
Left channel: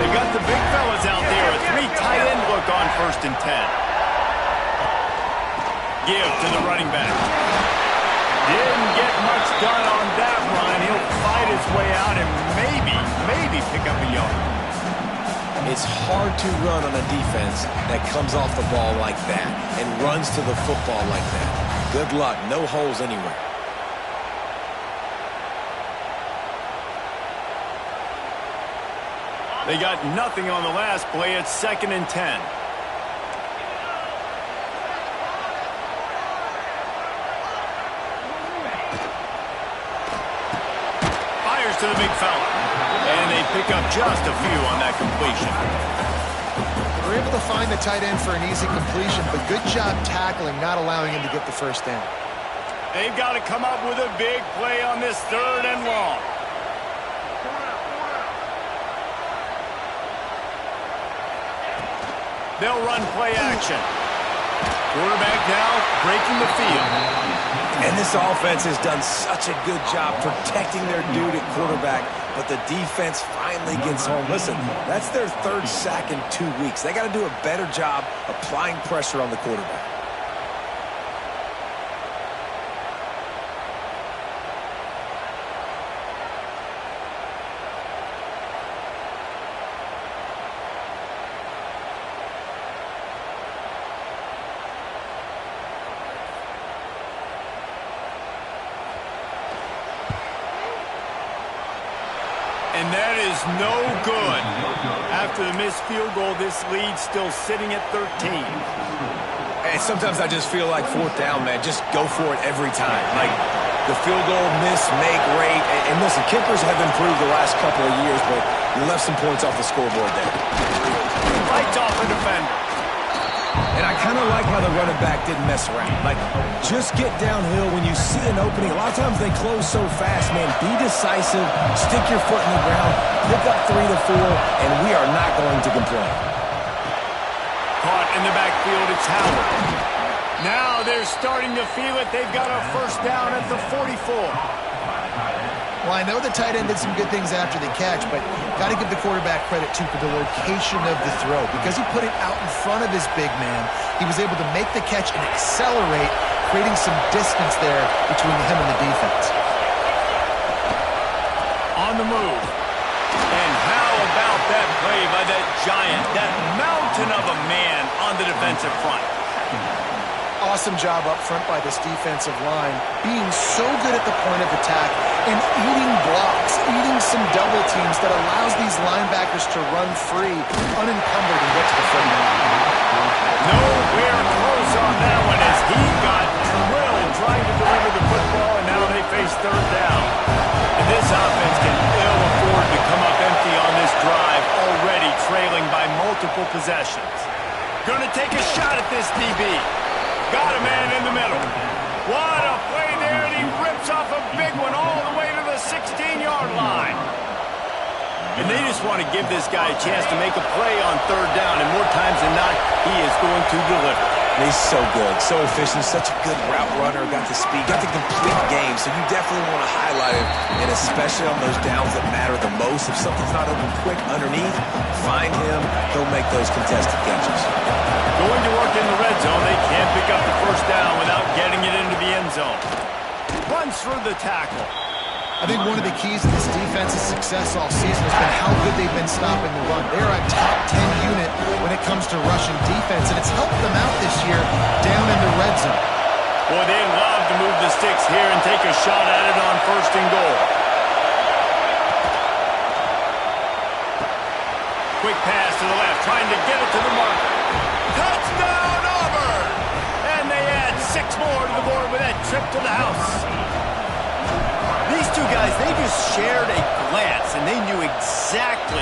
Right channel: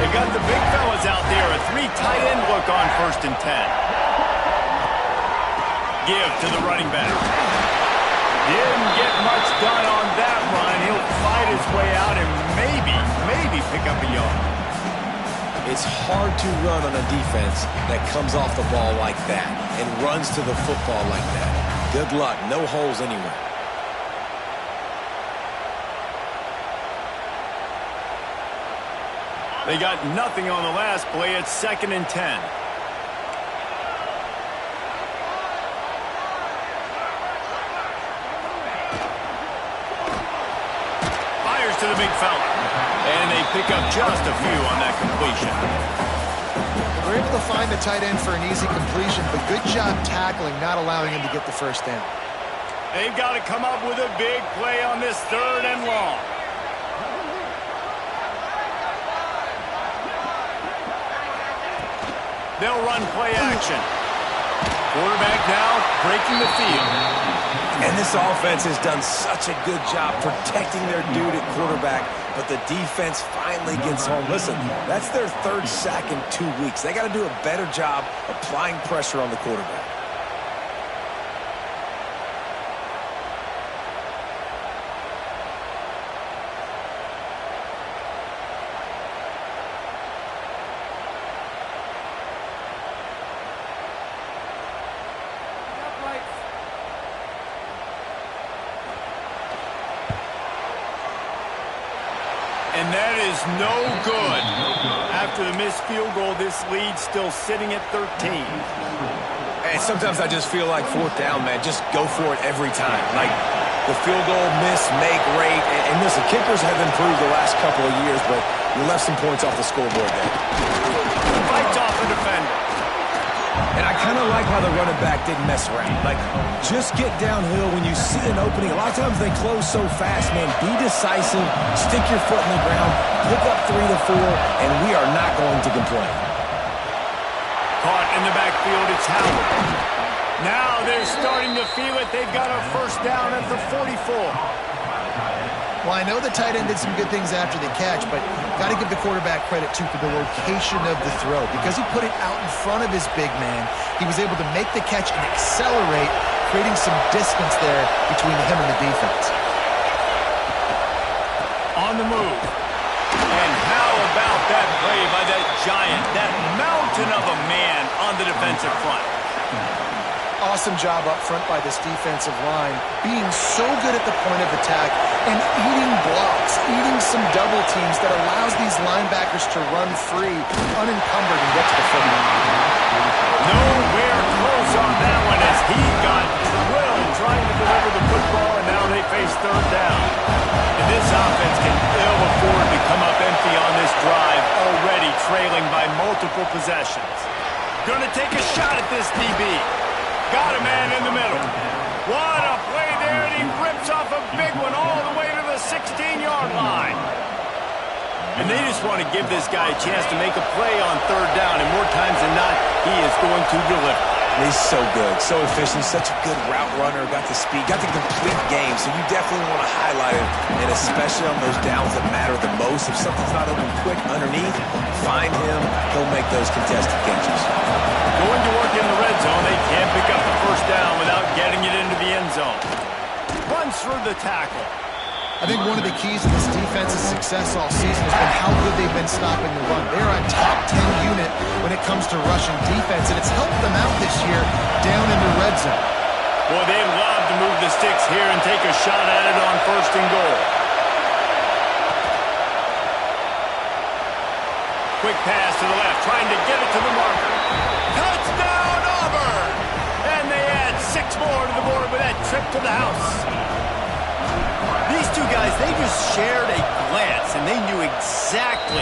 They got the big fellas out there. A 3 tight end look on 1st and 10. Give to the running back. Didn't get much done on that run. He'll fight his way out and maybe pick up a yard. It's hard to run on a defense that comes off the ball like that and runs to the football like that. Good luck. No holes anywhere. They got nothing on the last play. It's 2nd and 10. Fires to the big fella. And they pick up just a few on that completion. They were able to find the tight end for an easy completion, but good job tackling, not allowing him to get the first down. They've got to come up with a big play on this 3rd and long. They'll run play action. Quarterback now breaking the field. And this offense has done such a good job protecting their dude at quarterback, but the defense finally gets home. Listen, that's their 3rd sack in 2 weeks. They got to do a better job applying pressure on the quarterback. And that is no good. After the missed field goal, this lead's still sitting at 13. And sometimes I just feel like 4th down, man. Just go for it every time. Like the field goal miss, make rate. And listen, kickers have improved the last couple of years, but you left some points off the scoreboard there. Fights off a defender. And I kind of like how the running back didn't mess around. Like, just get downhill when you see an opening. A lot of times they close so fast, man. Be decisive, stick your foot in the ground, pick up 3 to 4, and we are not going to complain. Caught in the backfield, it's Howard. Now they're starting to feel it. They've got a first down at the 44. Well, I know the tight end did some good things after the catch, but got to give the quarterback credit, too, for the location of the throw. Because he put it out in front of his big man, he was able to make the catch and accelerate, creating some distance there between him and the defense. On the move. And how about that play by that giant, that mountain of a man on the defensive front? Awesome job up front by this defensive line, being so good at the point of attack and eating blocks, eating some double teams that allows these linebackers to run free, unencumbered, and get to the football. Nowhere close on that one as he got drilled trying to deliver the football, and now they face 3rd down. And this offense can ill afford to come up empty on this drive, already trailing by multiple possessions. Going to take a shot at this DB. Got a man in the middle. What a play there, and he rips off a big one all the way to the 16-yard line. And they just want to give this guy a chance to make a play on 3rd down, and more times than not, he is going to deliver. He's so good, so efficient, such a good route runner, got the speed, got the complete game, so you definitely want to highlight him, and especially on those downs that matter the most. If something's not open quick underneath, find him, he'll make those contested catches. Going to work in the red zone, they can't pick up the first down without getting it into the end zone. Runs through the tackle. I think one of the keys to this defense's success all season has been how good they've been stopping the run. They're a top 10 unit when it comes to rushing defense, and it's helped them out this year down in the red zone. Boy, they'd love to move the sticks here and take a shot at it on 1st and goal. Quick pass to the left, trying to get it to the marker. Touchdown, Auburn! And they add 6 more to the board with that trip to the house. These two guys, they just shared a glance, and they knew exactly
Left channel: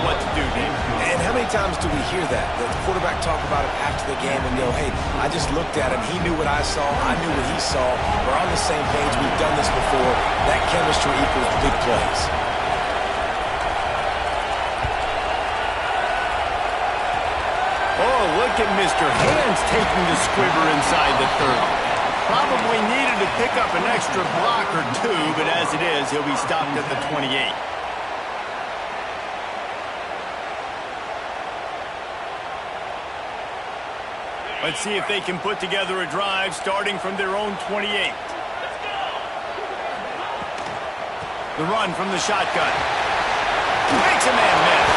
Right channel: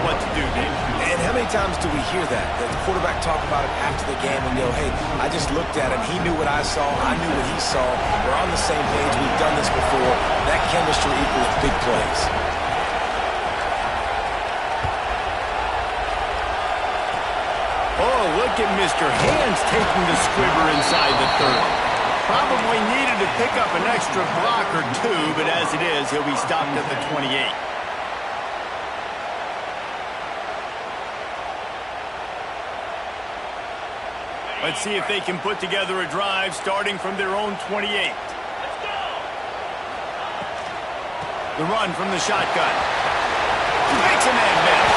what to do, Dave. And how many times do we hear that? The quarterback talk about it after the game and go, hey, I just looked at him. He knew what I saw. I knew what he saw. We're on the same page. We've done this before. That chemistry equals big plays. Oh, look at Mr. Hands taking the squibber inside the 30. Probably needed to pick up an extra block or 2, but as it is, he'll be stopped at the 28. Let's see if they can put together a drive starting from their own 28. The run from the shotgun. Makes a man miss.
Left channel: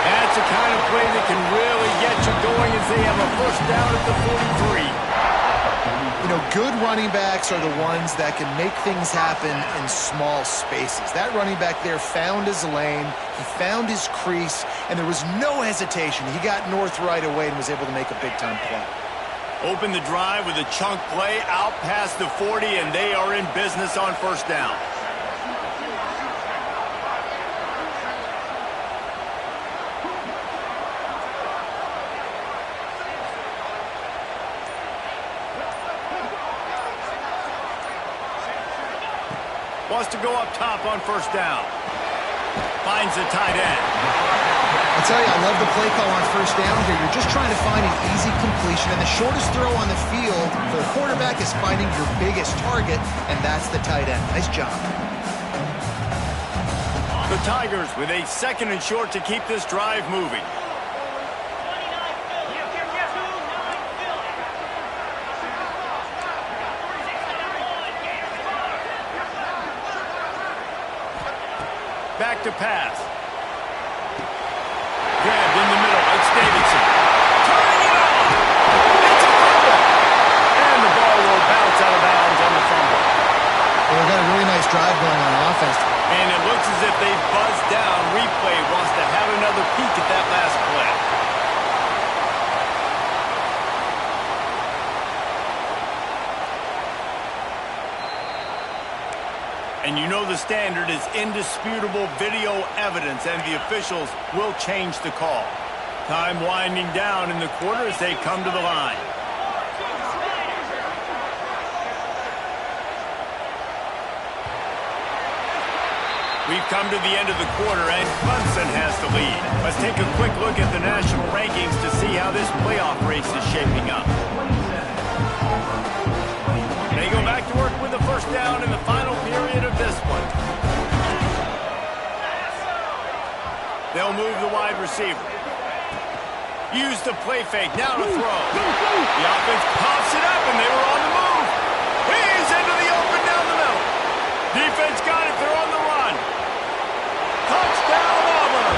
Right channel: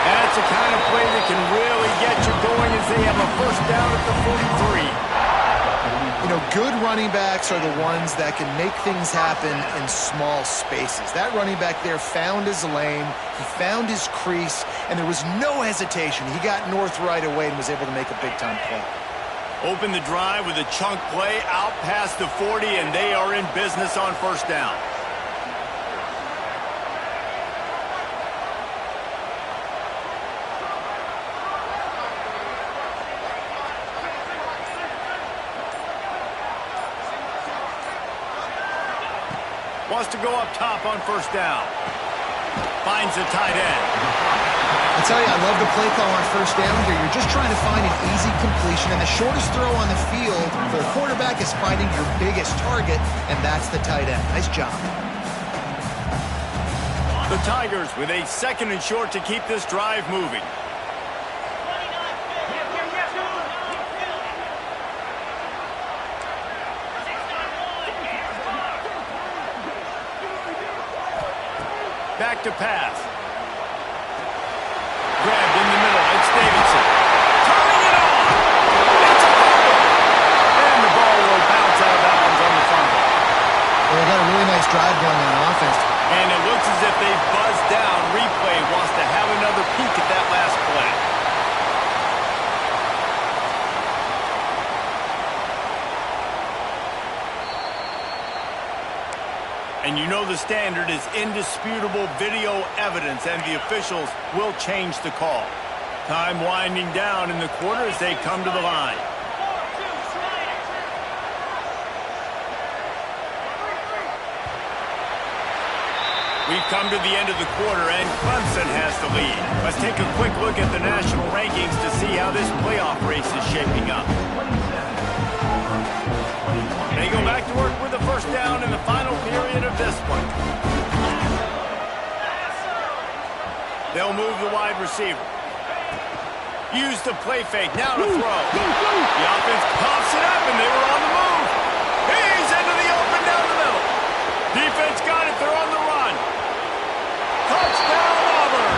That's the kind of play that can really get you going as they have a first down at the 43. You know, good running backs are the ones that can make things happen in small spaces. That running back there found his lane, he found his crease, and there was no hesitation. He got north right away and was able to make a big-time play. Open the drive with a chunk play out past the 40, and they are in business on first down. Wants to go up top on first down. Finds the tight end. I tell you, I love the play call on first down here. You're just trying to find an easy completion, and the shortest throw on the field for the quarterback is finding your biggest target, and that's the tight end. Nice job. The Tigers with a 2nd and short to keep this drive moving. Back to pass. Grabbed in the middle. It's Davidson. Turning it on. It's a fumble. And the ball will bounce out of bounds on the fumble. Well, they've got a really nice drive going on offense. And it looks as if they've buzzed down. Replay wants to have another peek at that last play. And you know the standard is indisputable video evidence, and the officials will change the call. Time winding down in the quarter as they come to the line. We've come to the end of the quarter, and Clemson has the lead. Let's take a quick look at the national rankings to see how this playoff race is shaping up. They go back to work with the first down in the final period of this one. They'll move the wide receiver. Use the play fake, now to throw. The offense pops it up, and they were on the move. He's into the open down the middle. Defense got it, they're on the run. Touchdown, Auburn.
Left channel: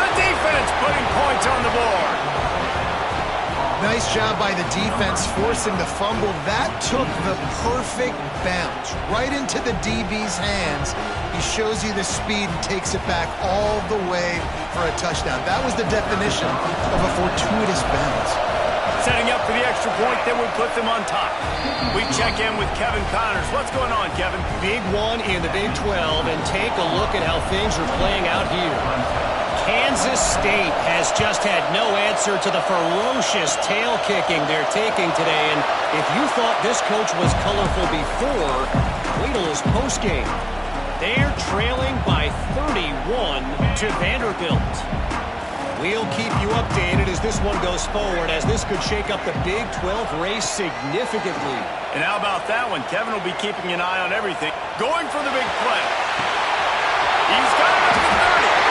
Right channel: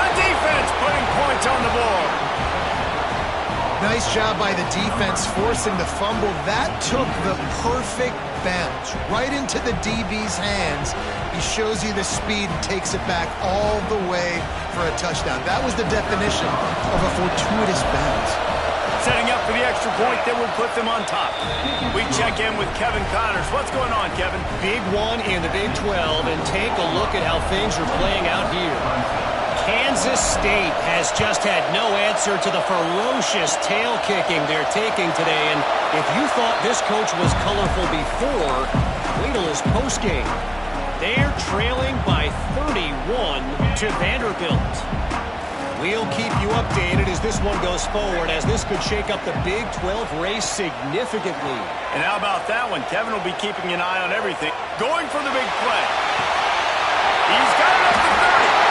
The defense putting points on the board. Nice job by the defense forcing the fumble. That took the perfect bounce right into the DB's hands. He shows you the speed and takes it back all the way for a touchdown. That was the definition of a fortuitous bounce. Setting up for the extra point that would put them on top. We check in with Kevin Connors. What's going on, Kevin? Big one in the Big 12, and take a look at how things are playing out here. Kansas State has just had no answer to the ferocious tail kicking they're taking today. And if you thought this coach was colorful before, wait till his postgame. They're trailing by 31 to Vanderbilt. We'll keep you updated as this one goes forward, as this could shake up the Big 12 race significantly. And how about that one? Kevin will be keeping an eye on everything. Going for the big play. He's got it up to 30.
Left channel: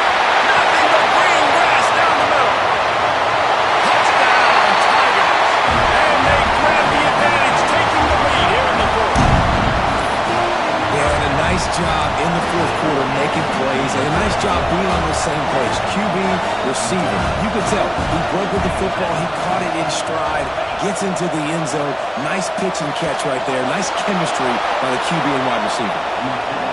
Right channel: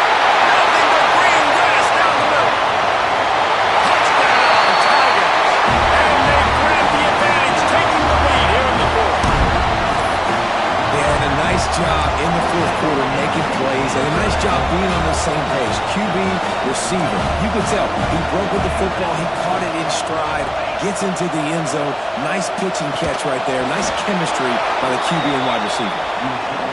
Nothing but green grass down the middle. Touchdown, Tigers. And they grab the advantage, taking the lead here in the fourth. Yeah, and a nice job in the fourth quarter making plays, and a nice job being on the same page. QB, receiver. You could tell he broke with the football. He caught it in stride. gets into the end zone. Nice pitch and catch right there. Nice chemistry by the QB and wide receiver.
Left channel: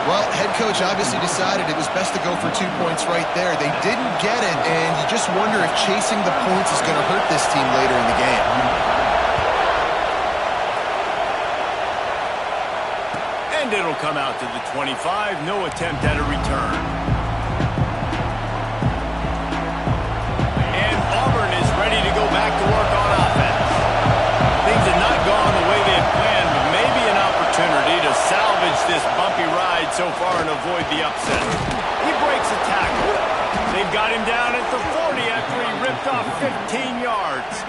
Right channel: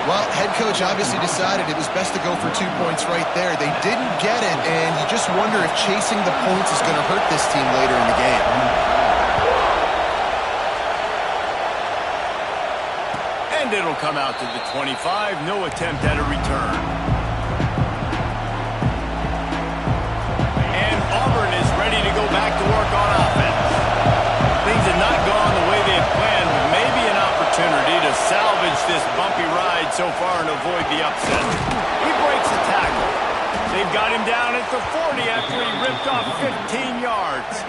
Well, head coach obviously decided it was best to go for 2 points right there. They didn't get it, and you just wonder if chasing the points is going to hurt this team later in the game. And it'll come out to the 25. No attempt at a return. And Auburn is ready to go back to work on offense. Things have not gone the way they had planned, but maybe an opportunity to salvage this bumpy ride so far and avoid the upset. He breaks a tackle. They've got him down at the 40 after he ripped off 15 yards.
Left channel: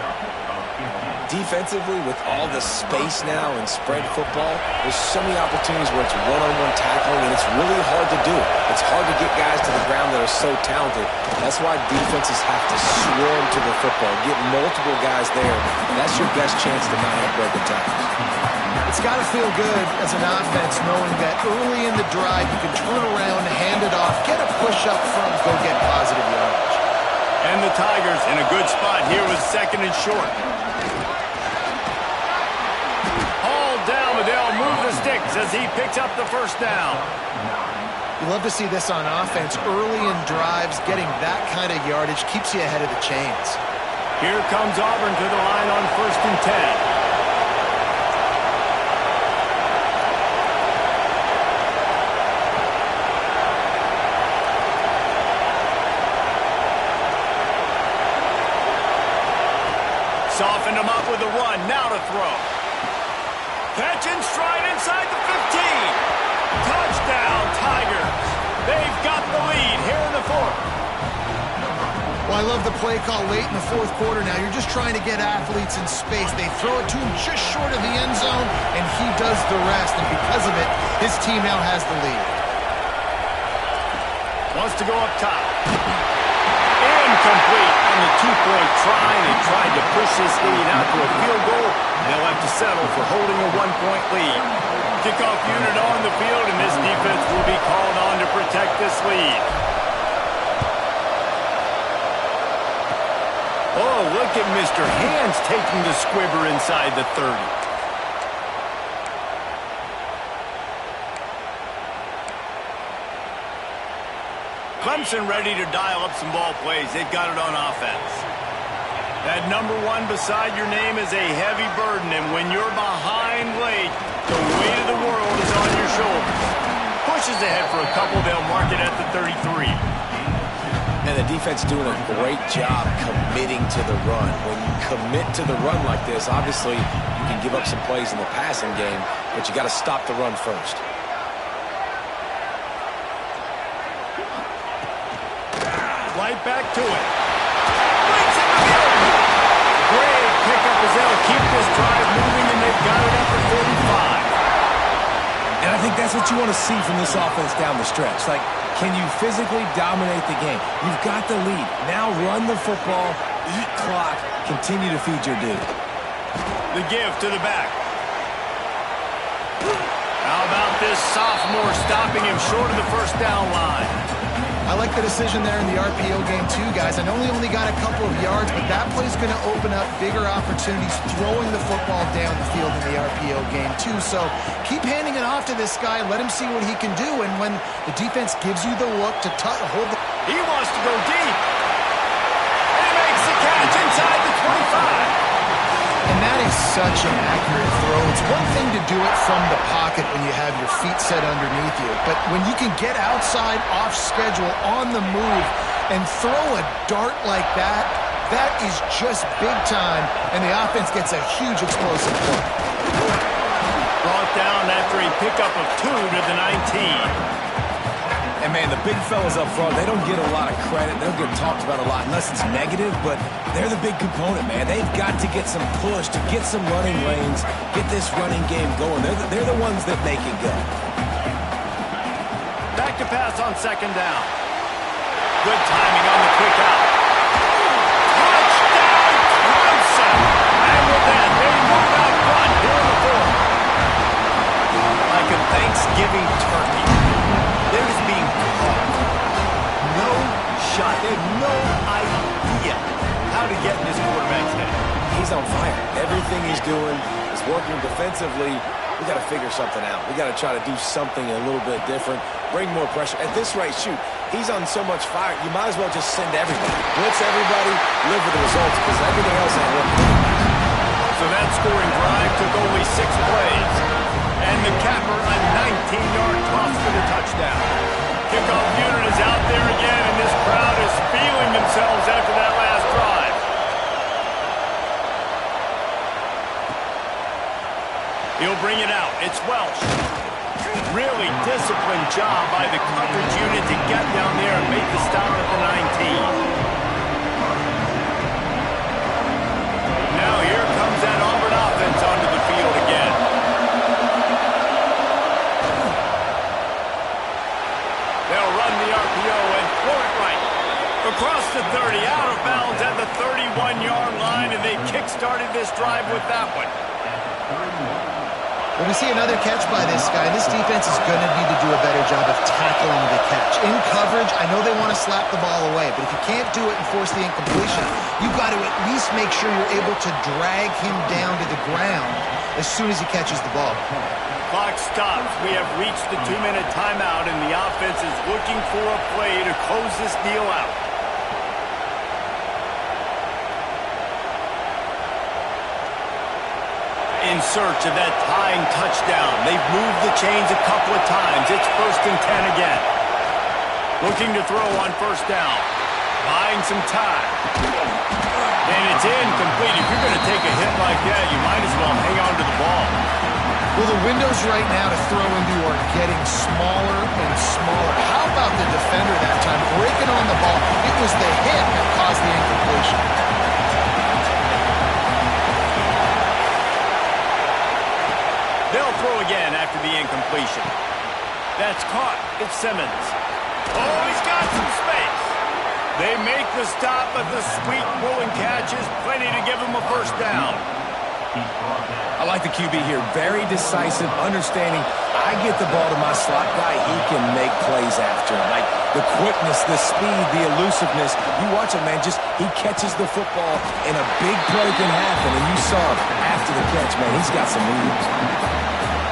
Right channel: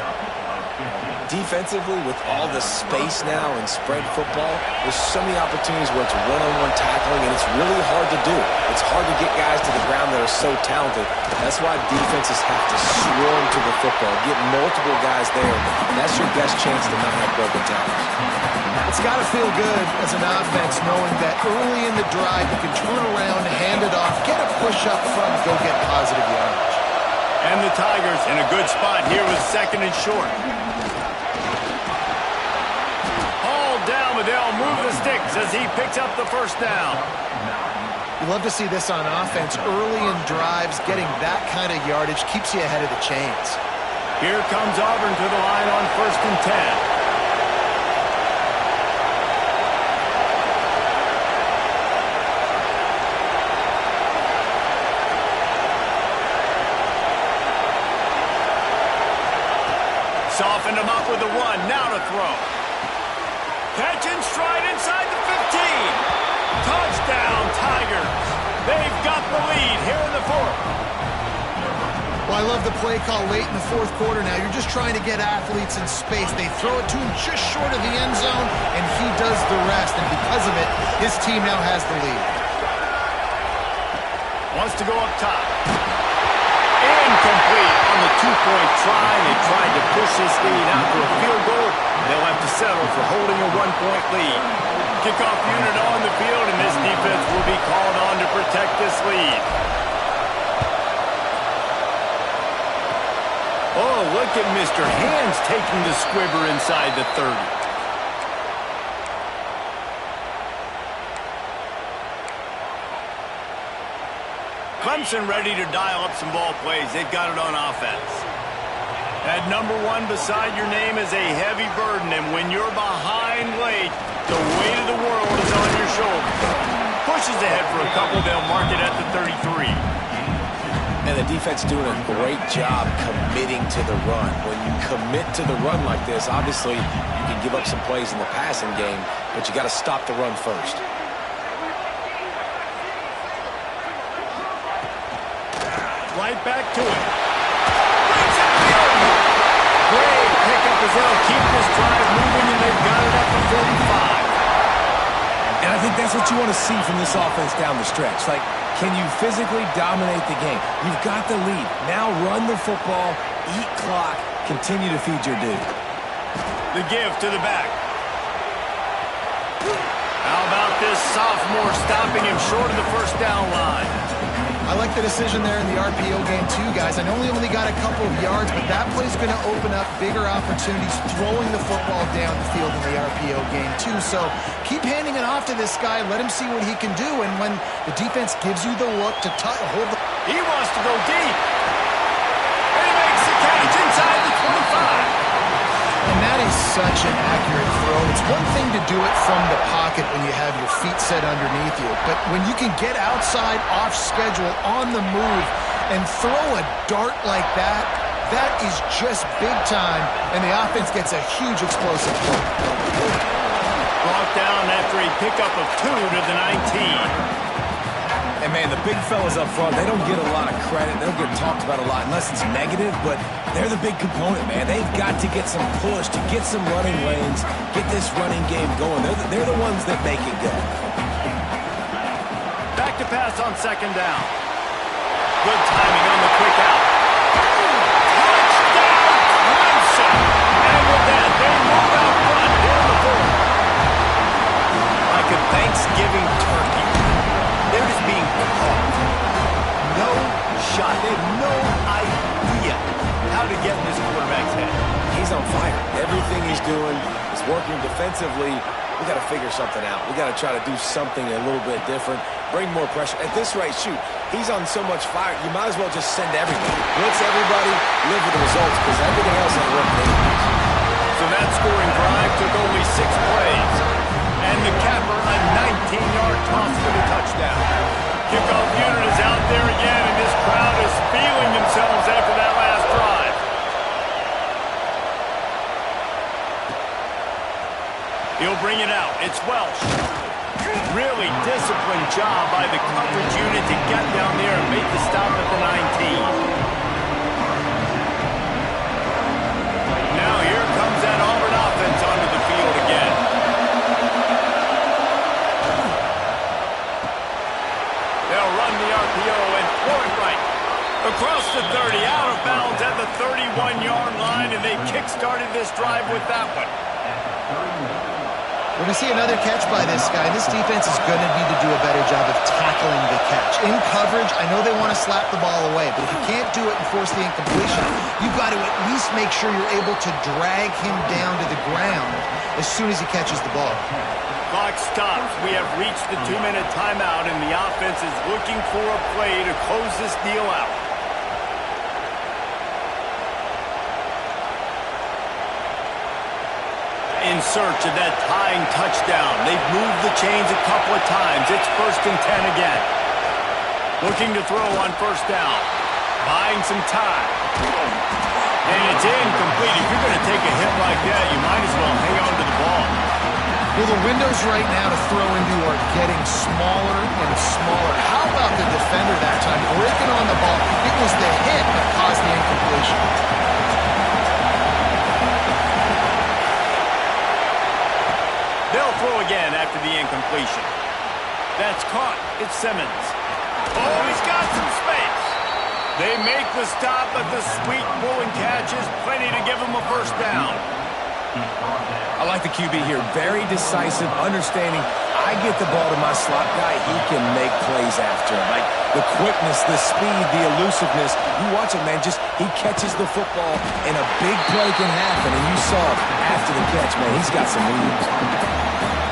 Defensively, with all the space now in spread football, there's so many opportunities where it's one-on-one tackling, and it's really hard to do. It's hard to get guys to the ground that are so talented. That's why defenses have to swarm to the football, get multiple guys there. That's your best chance to not have broken tackles. It's got to feel good as an offense knowing that early in the drive you can turn around, hand it off, get a push up front, go get positive yardage. And the Tigers in a good spot here with 2nd and short. Down, but they'll move the sticks as he picks up the first down. You love to see this on offense. Early in drives, getting that kind of yardage keeps you ahead of the chains. Here comes Auburn to the line on 1st and 10. Softened him up with a run. Now to throw. Catch and stride inside the 15. Touchdown, Tigers. They've got the lead here in the 4th. Well, I love the play call late in the 4th quarter now. You're just trying to get athletes in space. They throw it to him just short of the end zone, and he does the rest. And because of it, his team now has the lead. Wants to go up top. Incomplete on the 2-point try. They tried to push this lead out to a field goal. They'll have to settle for holding a 1-point lead. Kickoff unit on the field, and this defense will be called on to protect this lead. Oh, look at Mr. Hands taking the squibber inside the 30. Clemson ready to dial up some ball plays. They've got it on offense. That number 1 beside your name is a heavy burden, and when you're behind late, the weight of the world is on your shoulders. Pushes ahead for a couple. They'll mark it at the 33. And the defense doing a great job committing to the run. When you commit to the run like this, obviously you can give up some plays in the passing game, but you got to stop the run first. Right back to it. Breaks into the open. Great pickup as they'll keep this drive moving, and they've got it at the 45. And I think that's what you want to see from this offense down the stretch. Like, can you physically dominate the game? You've got the lead. Now run the football, eat clock, continue to feed your dude. The give to the back. How about this sophomore stopping him short of the first down line? I like the decision there in the RPO game too, guys. I know he only got a couple of yards, but that play's going to open up bigger opportunities throwing the football down the field in the RPO game too. So keep handing it off to this guy. Let him see what he can do. And when the defense gives you the look to hold the... He wants to go deep. And he makes the catch inside the 25. And that is such an accurate throw. It's one thing to do it from the pocket when you have your feet set underneath you, but when you can get outside, off schedule, on the move, and throw a dart like that, that is just big time, and the offense gets a huge explosive play. Brought down after a pickup of 2 to the 19. And, man, the big fellas up front, they don't get a lot of credit. They don't get talked about a lot unless it's negative, but they're the big component, man. They've got to get some push, to get some running lanes, get this running game going. They're the ones that make it go. Back to pass on 2nd down. Good timing on the quick out. Touchdown, Clemson! And with that, they move out front here in the 4th. Like a Thanksgiving turkey. They're just being caught. No shot. They have no idea how to get in this quarterback's head. he's on fire. Everything he's doing is working defensively. We got to figure something out. We got to try to do something a little bit different, bring more pressure. At this rate, shoot, he's on so much fire, you might as well just send everybody. Blitz everybody, live with the results, because everything else ain't working anyways. So that scoring drive took only 6 plays. And the capper, a 19-yard toss for the touchdown. Kickoff unit is out there again, and this crowd is feeling themselves after that last drive. He'll bring it out. It's Welsh. Really disciplined job by the coverage unit to get down there and make the stop at the 19. Now here comes that Auburn offense onto the field again. They'll run the RPO and throw it right. Across the 30, out of bounds at the 31-yard line, and they kick-started this drive with that one. When we see another catch by this guy, this defense is going to need to do a better job of tackling the catch. In coverage, I know they want to slap the ball away, but if you can't do it and force the incompletion, you've got to at least make sure you're able to drag him down to the ground as soon as he catches the ball. Clock stops. We have reached the 2-minute timeout, and the offense is looking for a play to close this deal out. In search of that tying touchdown. They've moved the chains a couple of times. It's 1st and 10 again. Looking to throw on 1st down. Buying some time. And it's incomplete. If you're going to take a hit like that, you might as well hang on to the ball. Well, the windows right now to throw into are getting smaller and smaller. How about the defender that time breaking on the ball? It was the hit that caused the incompletion. They'll throw again after the incompletion. That's caught. It's Simmons. Oh, he's got some space. They make the stop, but the sweet rolling catch is plenty to give him a 1st down. I like the QB here. Very decisive, understanding. I get the ball to my slot guy. He can make plays after. Like the quickness, the speed, the elusiveness. You watch it, man. Just he catches the football, and a big play can happen. And you saw after the catch, man, he's got some moves.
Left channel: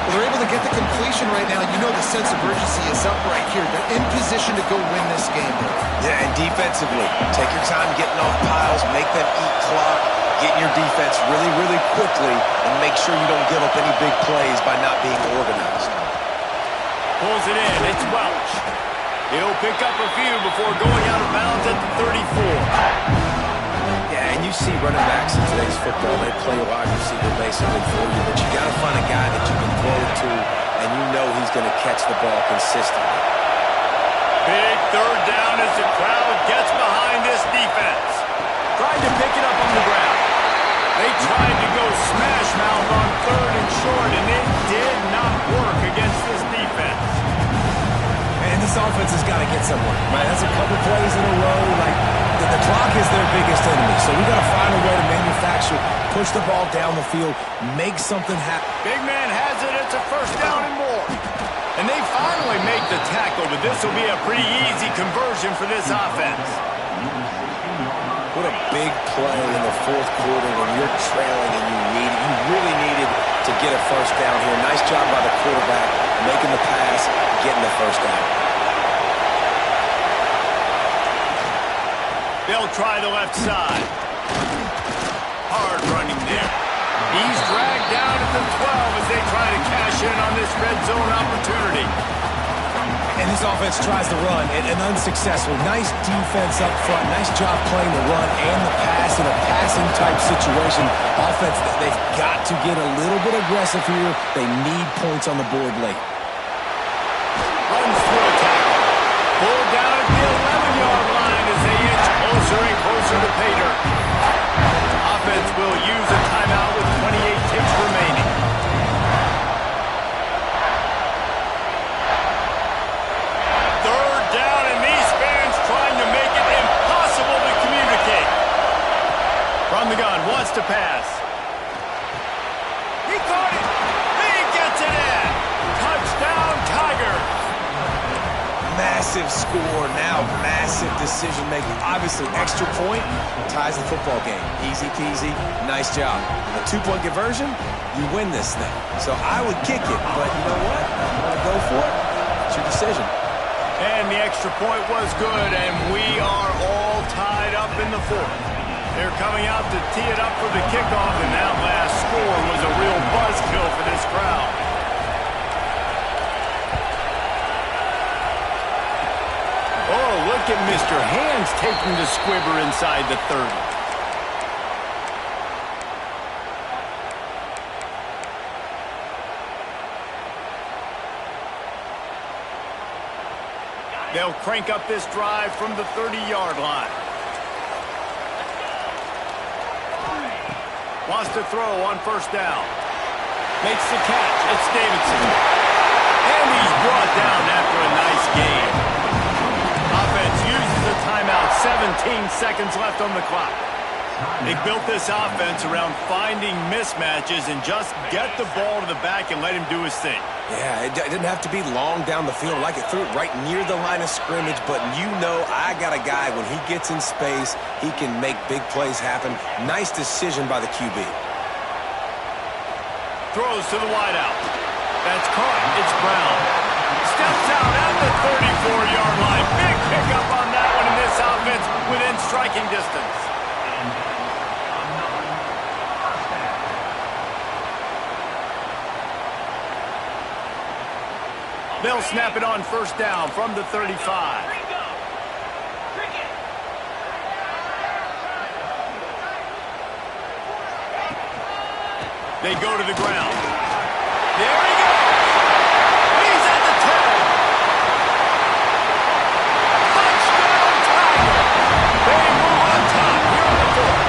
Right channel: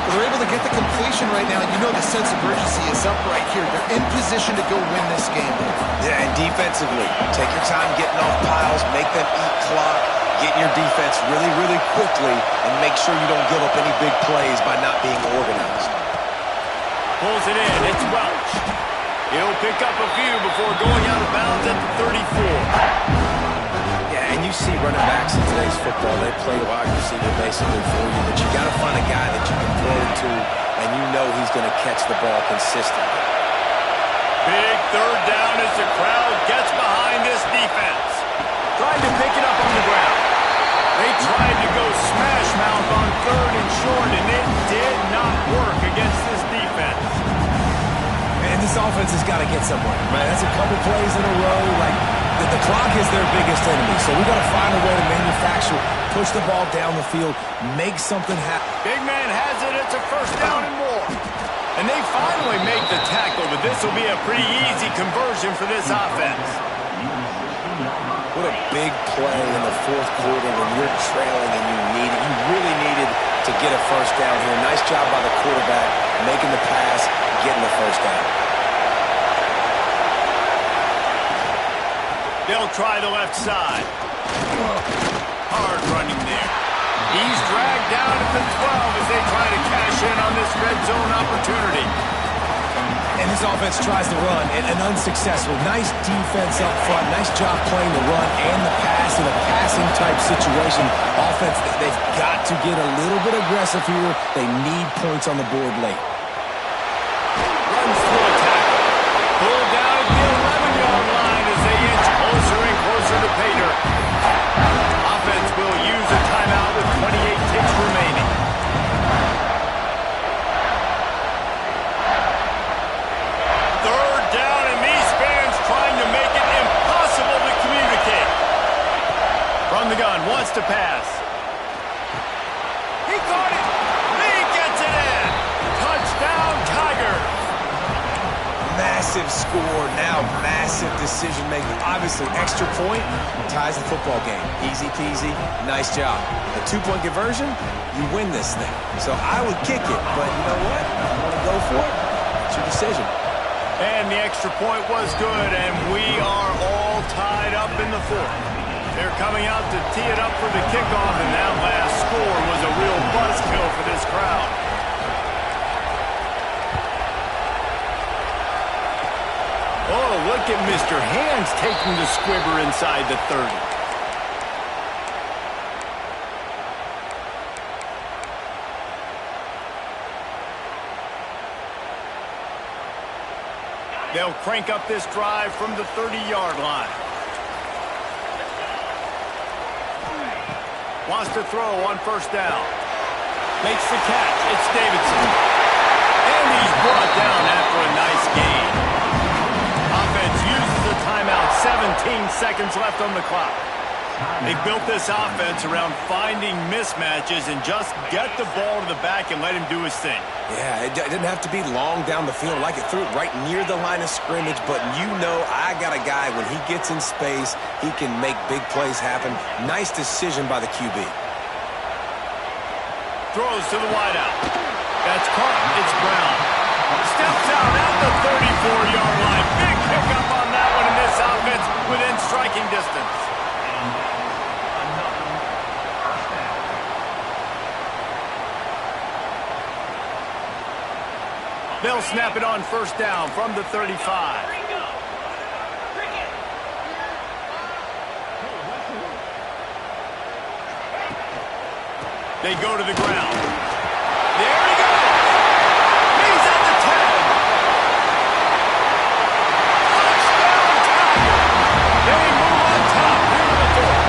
Well, they're able to get the completion right now. You know the sense of urgency is up right here. They're in position to go win this game, Dave. Yeah, and defensively, take your time getting off piles, make them eat clock, get in your defense really, really quickly, and make sure you don't give up any big plays by not being organized. Pulls it in. It's Welch. He'll pick up a few before going out of bounds at the 34. Yeah, and you see running backs in today's football, they play wide receiver basically for you, but you got to find a guy that you can throw it to, and you know he's going to catch the ball consistently. Big 3rd down as the crowd gets behind this defense. Tried to pick it up on the ground. They tried to go smash mouth on 3rd and short, and it did not work against this defense. And this offense has got to get somewhere, right? That's a couple plays in a row. Like, the clock is their biggest enemy, so we got to find a way to manufacture, push the ball down the field, make something happen. Big man has it. It's a 1st down and more. And they finally make the tackle, but this will be a pretty easy conversion for this offense. What a big play in the 4th quarter when you're trailing and you really needed to get a 1st down here. Nice job by the quarterback, making the pass, getting the 1st down. They'll try the left side. Hard running there. He's dragged down at the 12 as they try to cash in on this red zone opportunity. And this offense tries to run, and unsuccessful. Nice defense up front. Nice job playing the run and the pass in a passing-type situation. Offense, they've got to get a little bit aggressive here. They need points on the board late. Runs through a tackle. Pulled down at the 11-yard line as they inch closer and closer to pay dirt. Offense will use a timeout with 28 ticks remaining. Trying to make it impossible to communicate. From the gun, wants to pass. He caught it. He gets it in. Touchdown, Tigers. Massive score, now massive decision-making. Obviously, extra point ties the football game. Easy peasy, nice job. A 2-point conversion, you win this thing. So I would kick it, but you know what? If you want to go for it, it's your decision. And the extra point was good, and we are all tied up in the fourth. They're coming out to tee it up for the kickoff, and that last score was a real buzzkill for this crowd. Oh, look at Mr. Hands taking the squibber inside the 30. They'll crank up this drive from the 30-yard line. Wants to throw on first down. Makes the catch. It's Davidson. And he's brought down after a nice gain. Offense uses a timeout. 17 seconds left on the clock. They built this offense around finding mismatches and just get the ball to the back and let him do his thing. Yeah, it didn't have to be long down the field. Like it threw it right near the line of scrimmage, but you know I got a guy, when he gets in space, he can make big plays happen. Nice decision by the QB. Throws to the wideout. That's caught. It's Brown. Steps out at the 34-yard line. Big pickup on that one in this offense within striking distance. They'll snap it on first down from the 35. They go to the ground. There he goes. He's at the 10. Touchdown, Tiger. They move on top here in the fourth.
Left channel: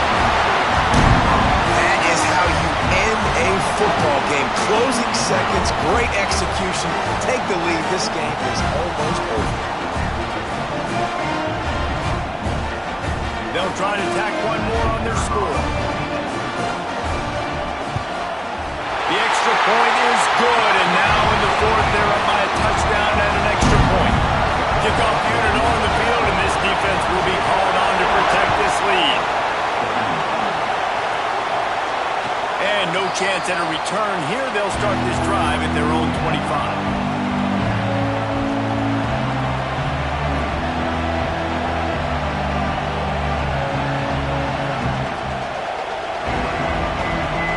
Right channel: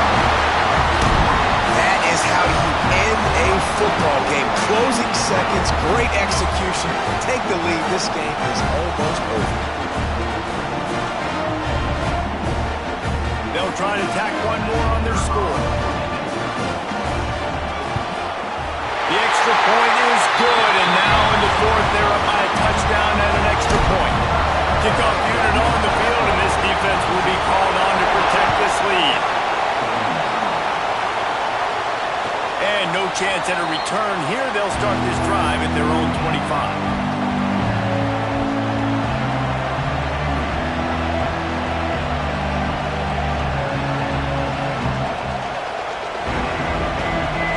That is how you end a football game. Closing seconds, great execution. Take the lead. This game is almost over. They'll try to tack one more on their score. The extra point is good, and now in the fourth, they're up by a touchdown and an extra point. Kickoff unit on the field, and this defense will be called on to protect this lead. And no chance at a return here. They'll start this drive at their own 25.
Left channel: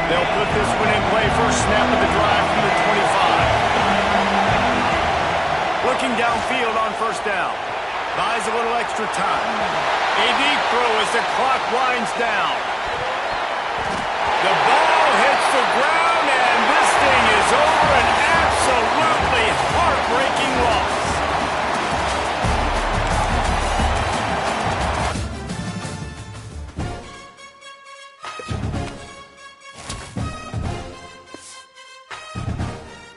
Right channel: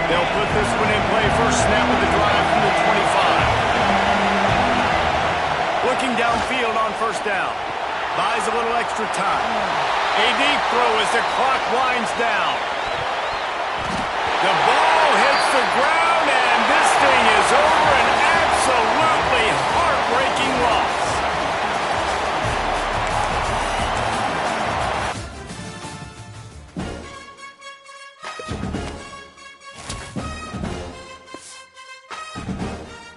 They'll put this one in play. First snap of the drive from the 25. Looking downfield on first down. Buys a little extra time. A deep throw as the clock winds down. The ball hits the ground,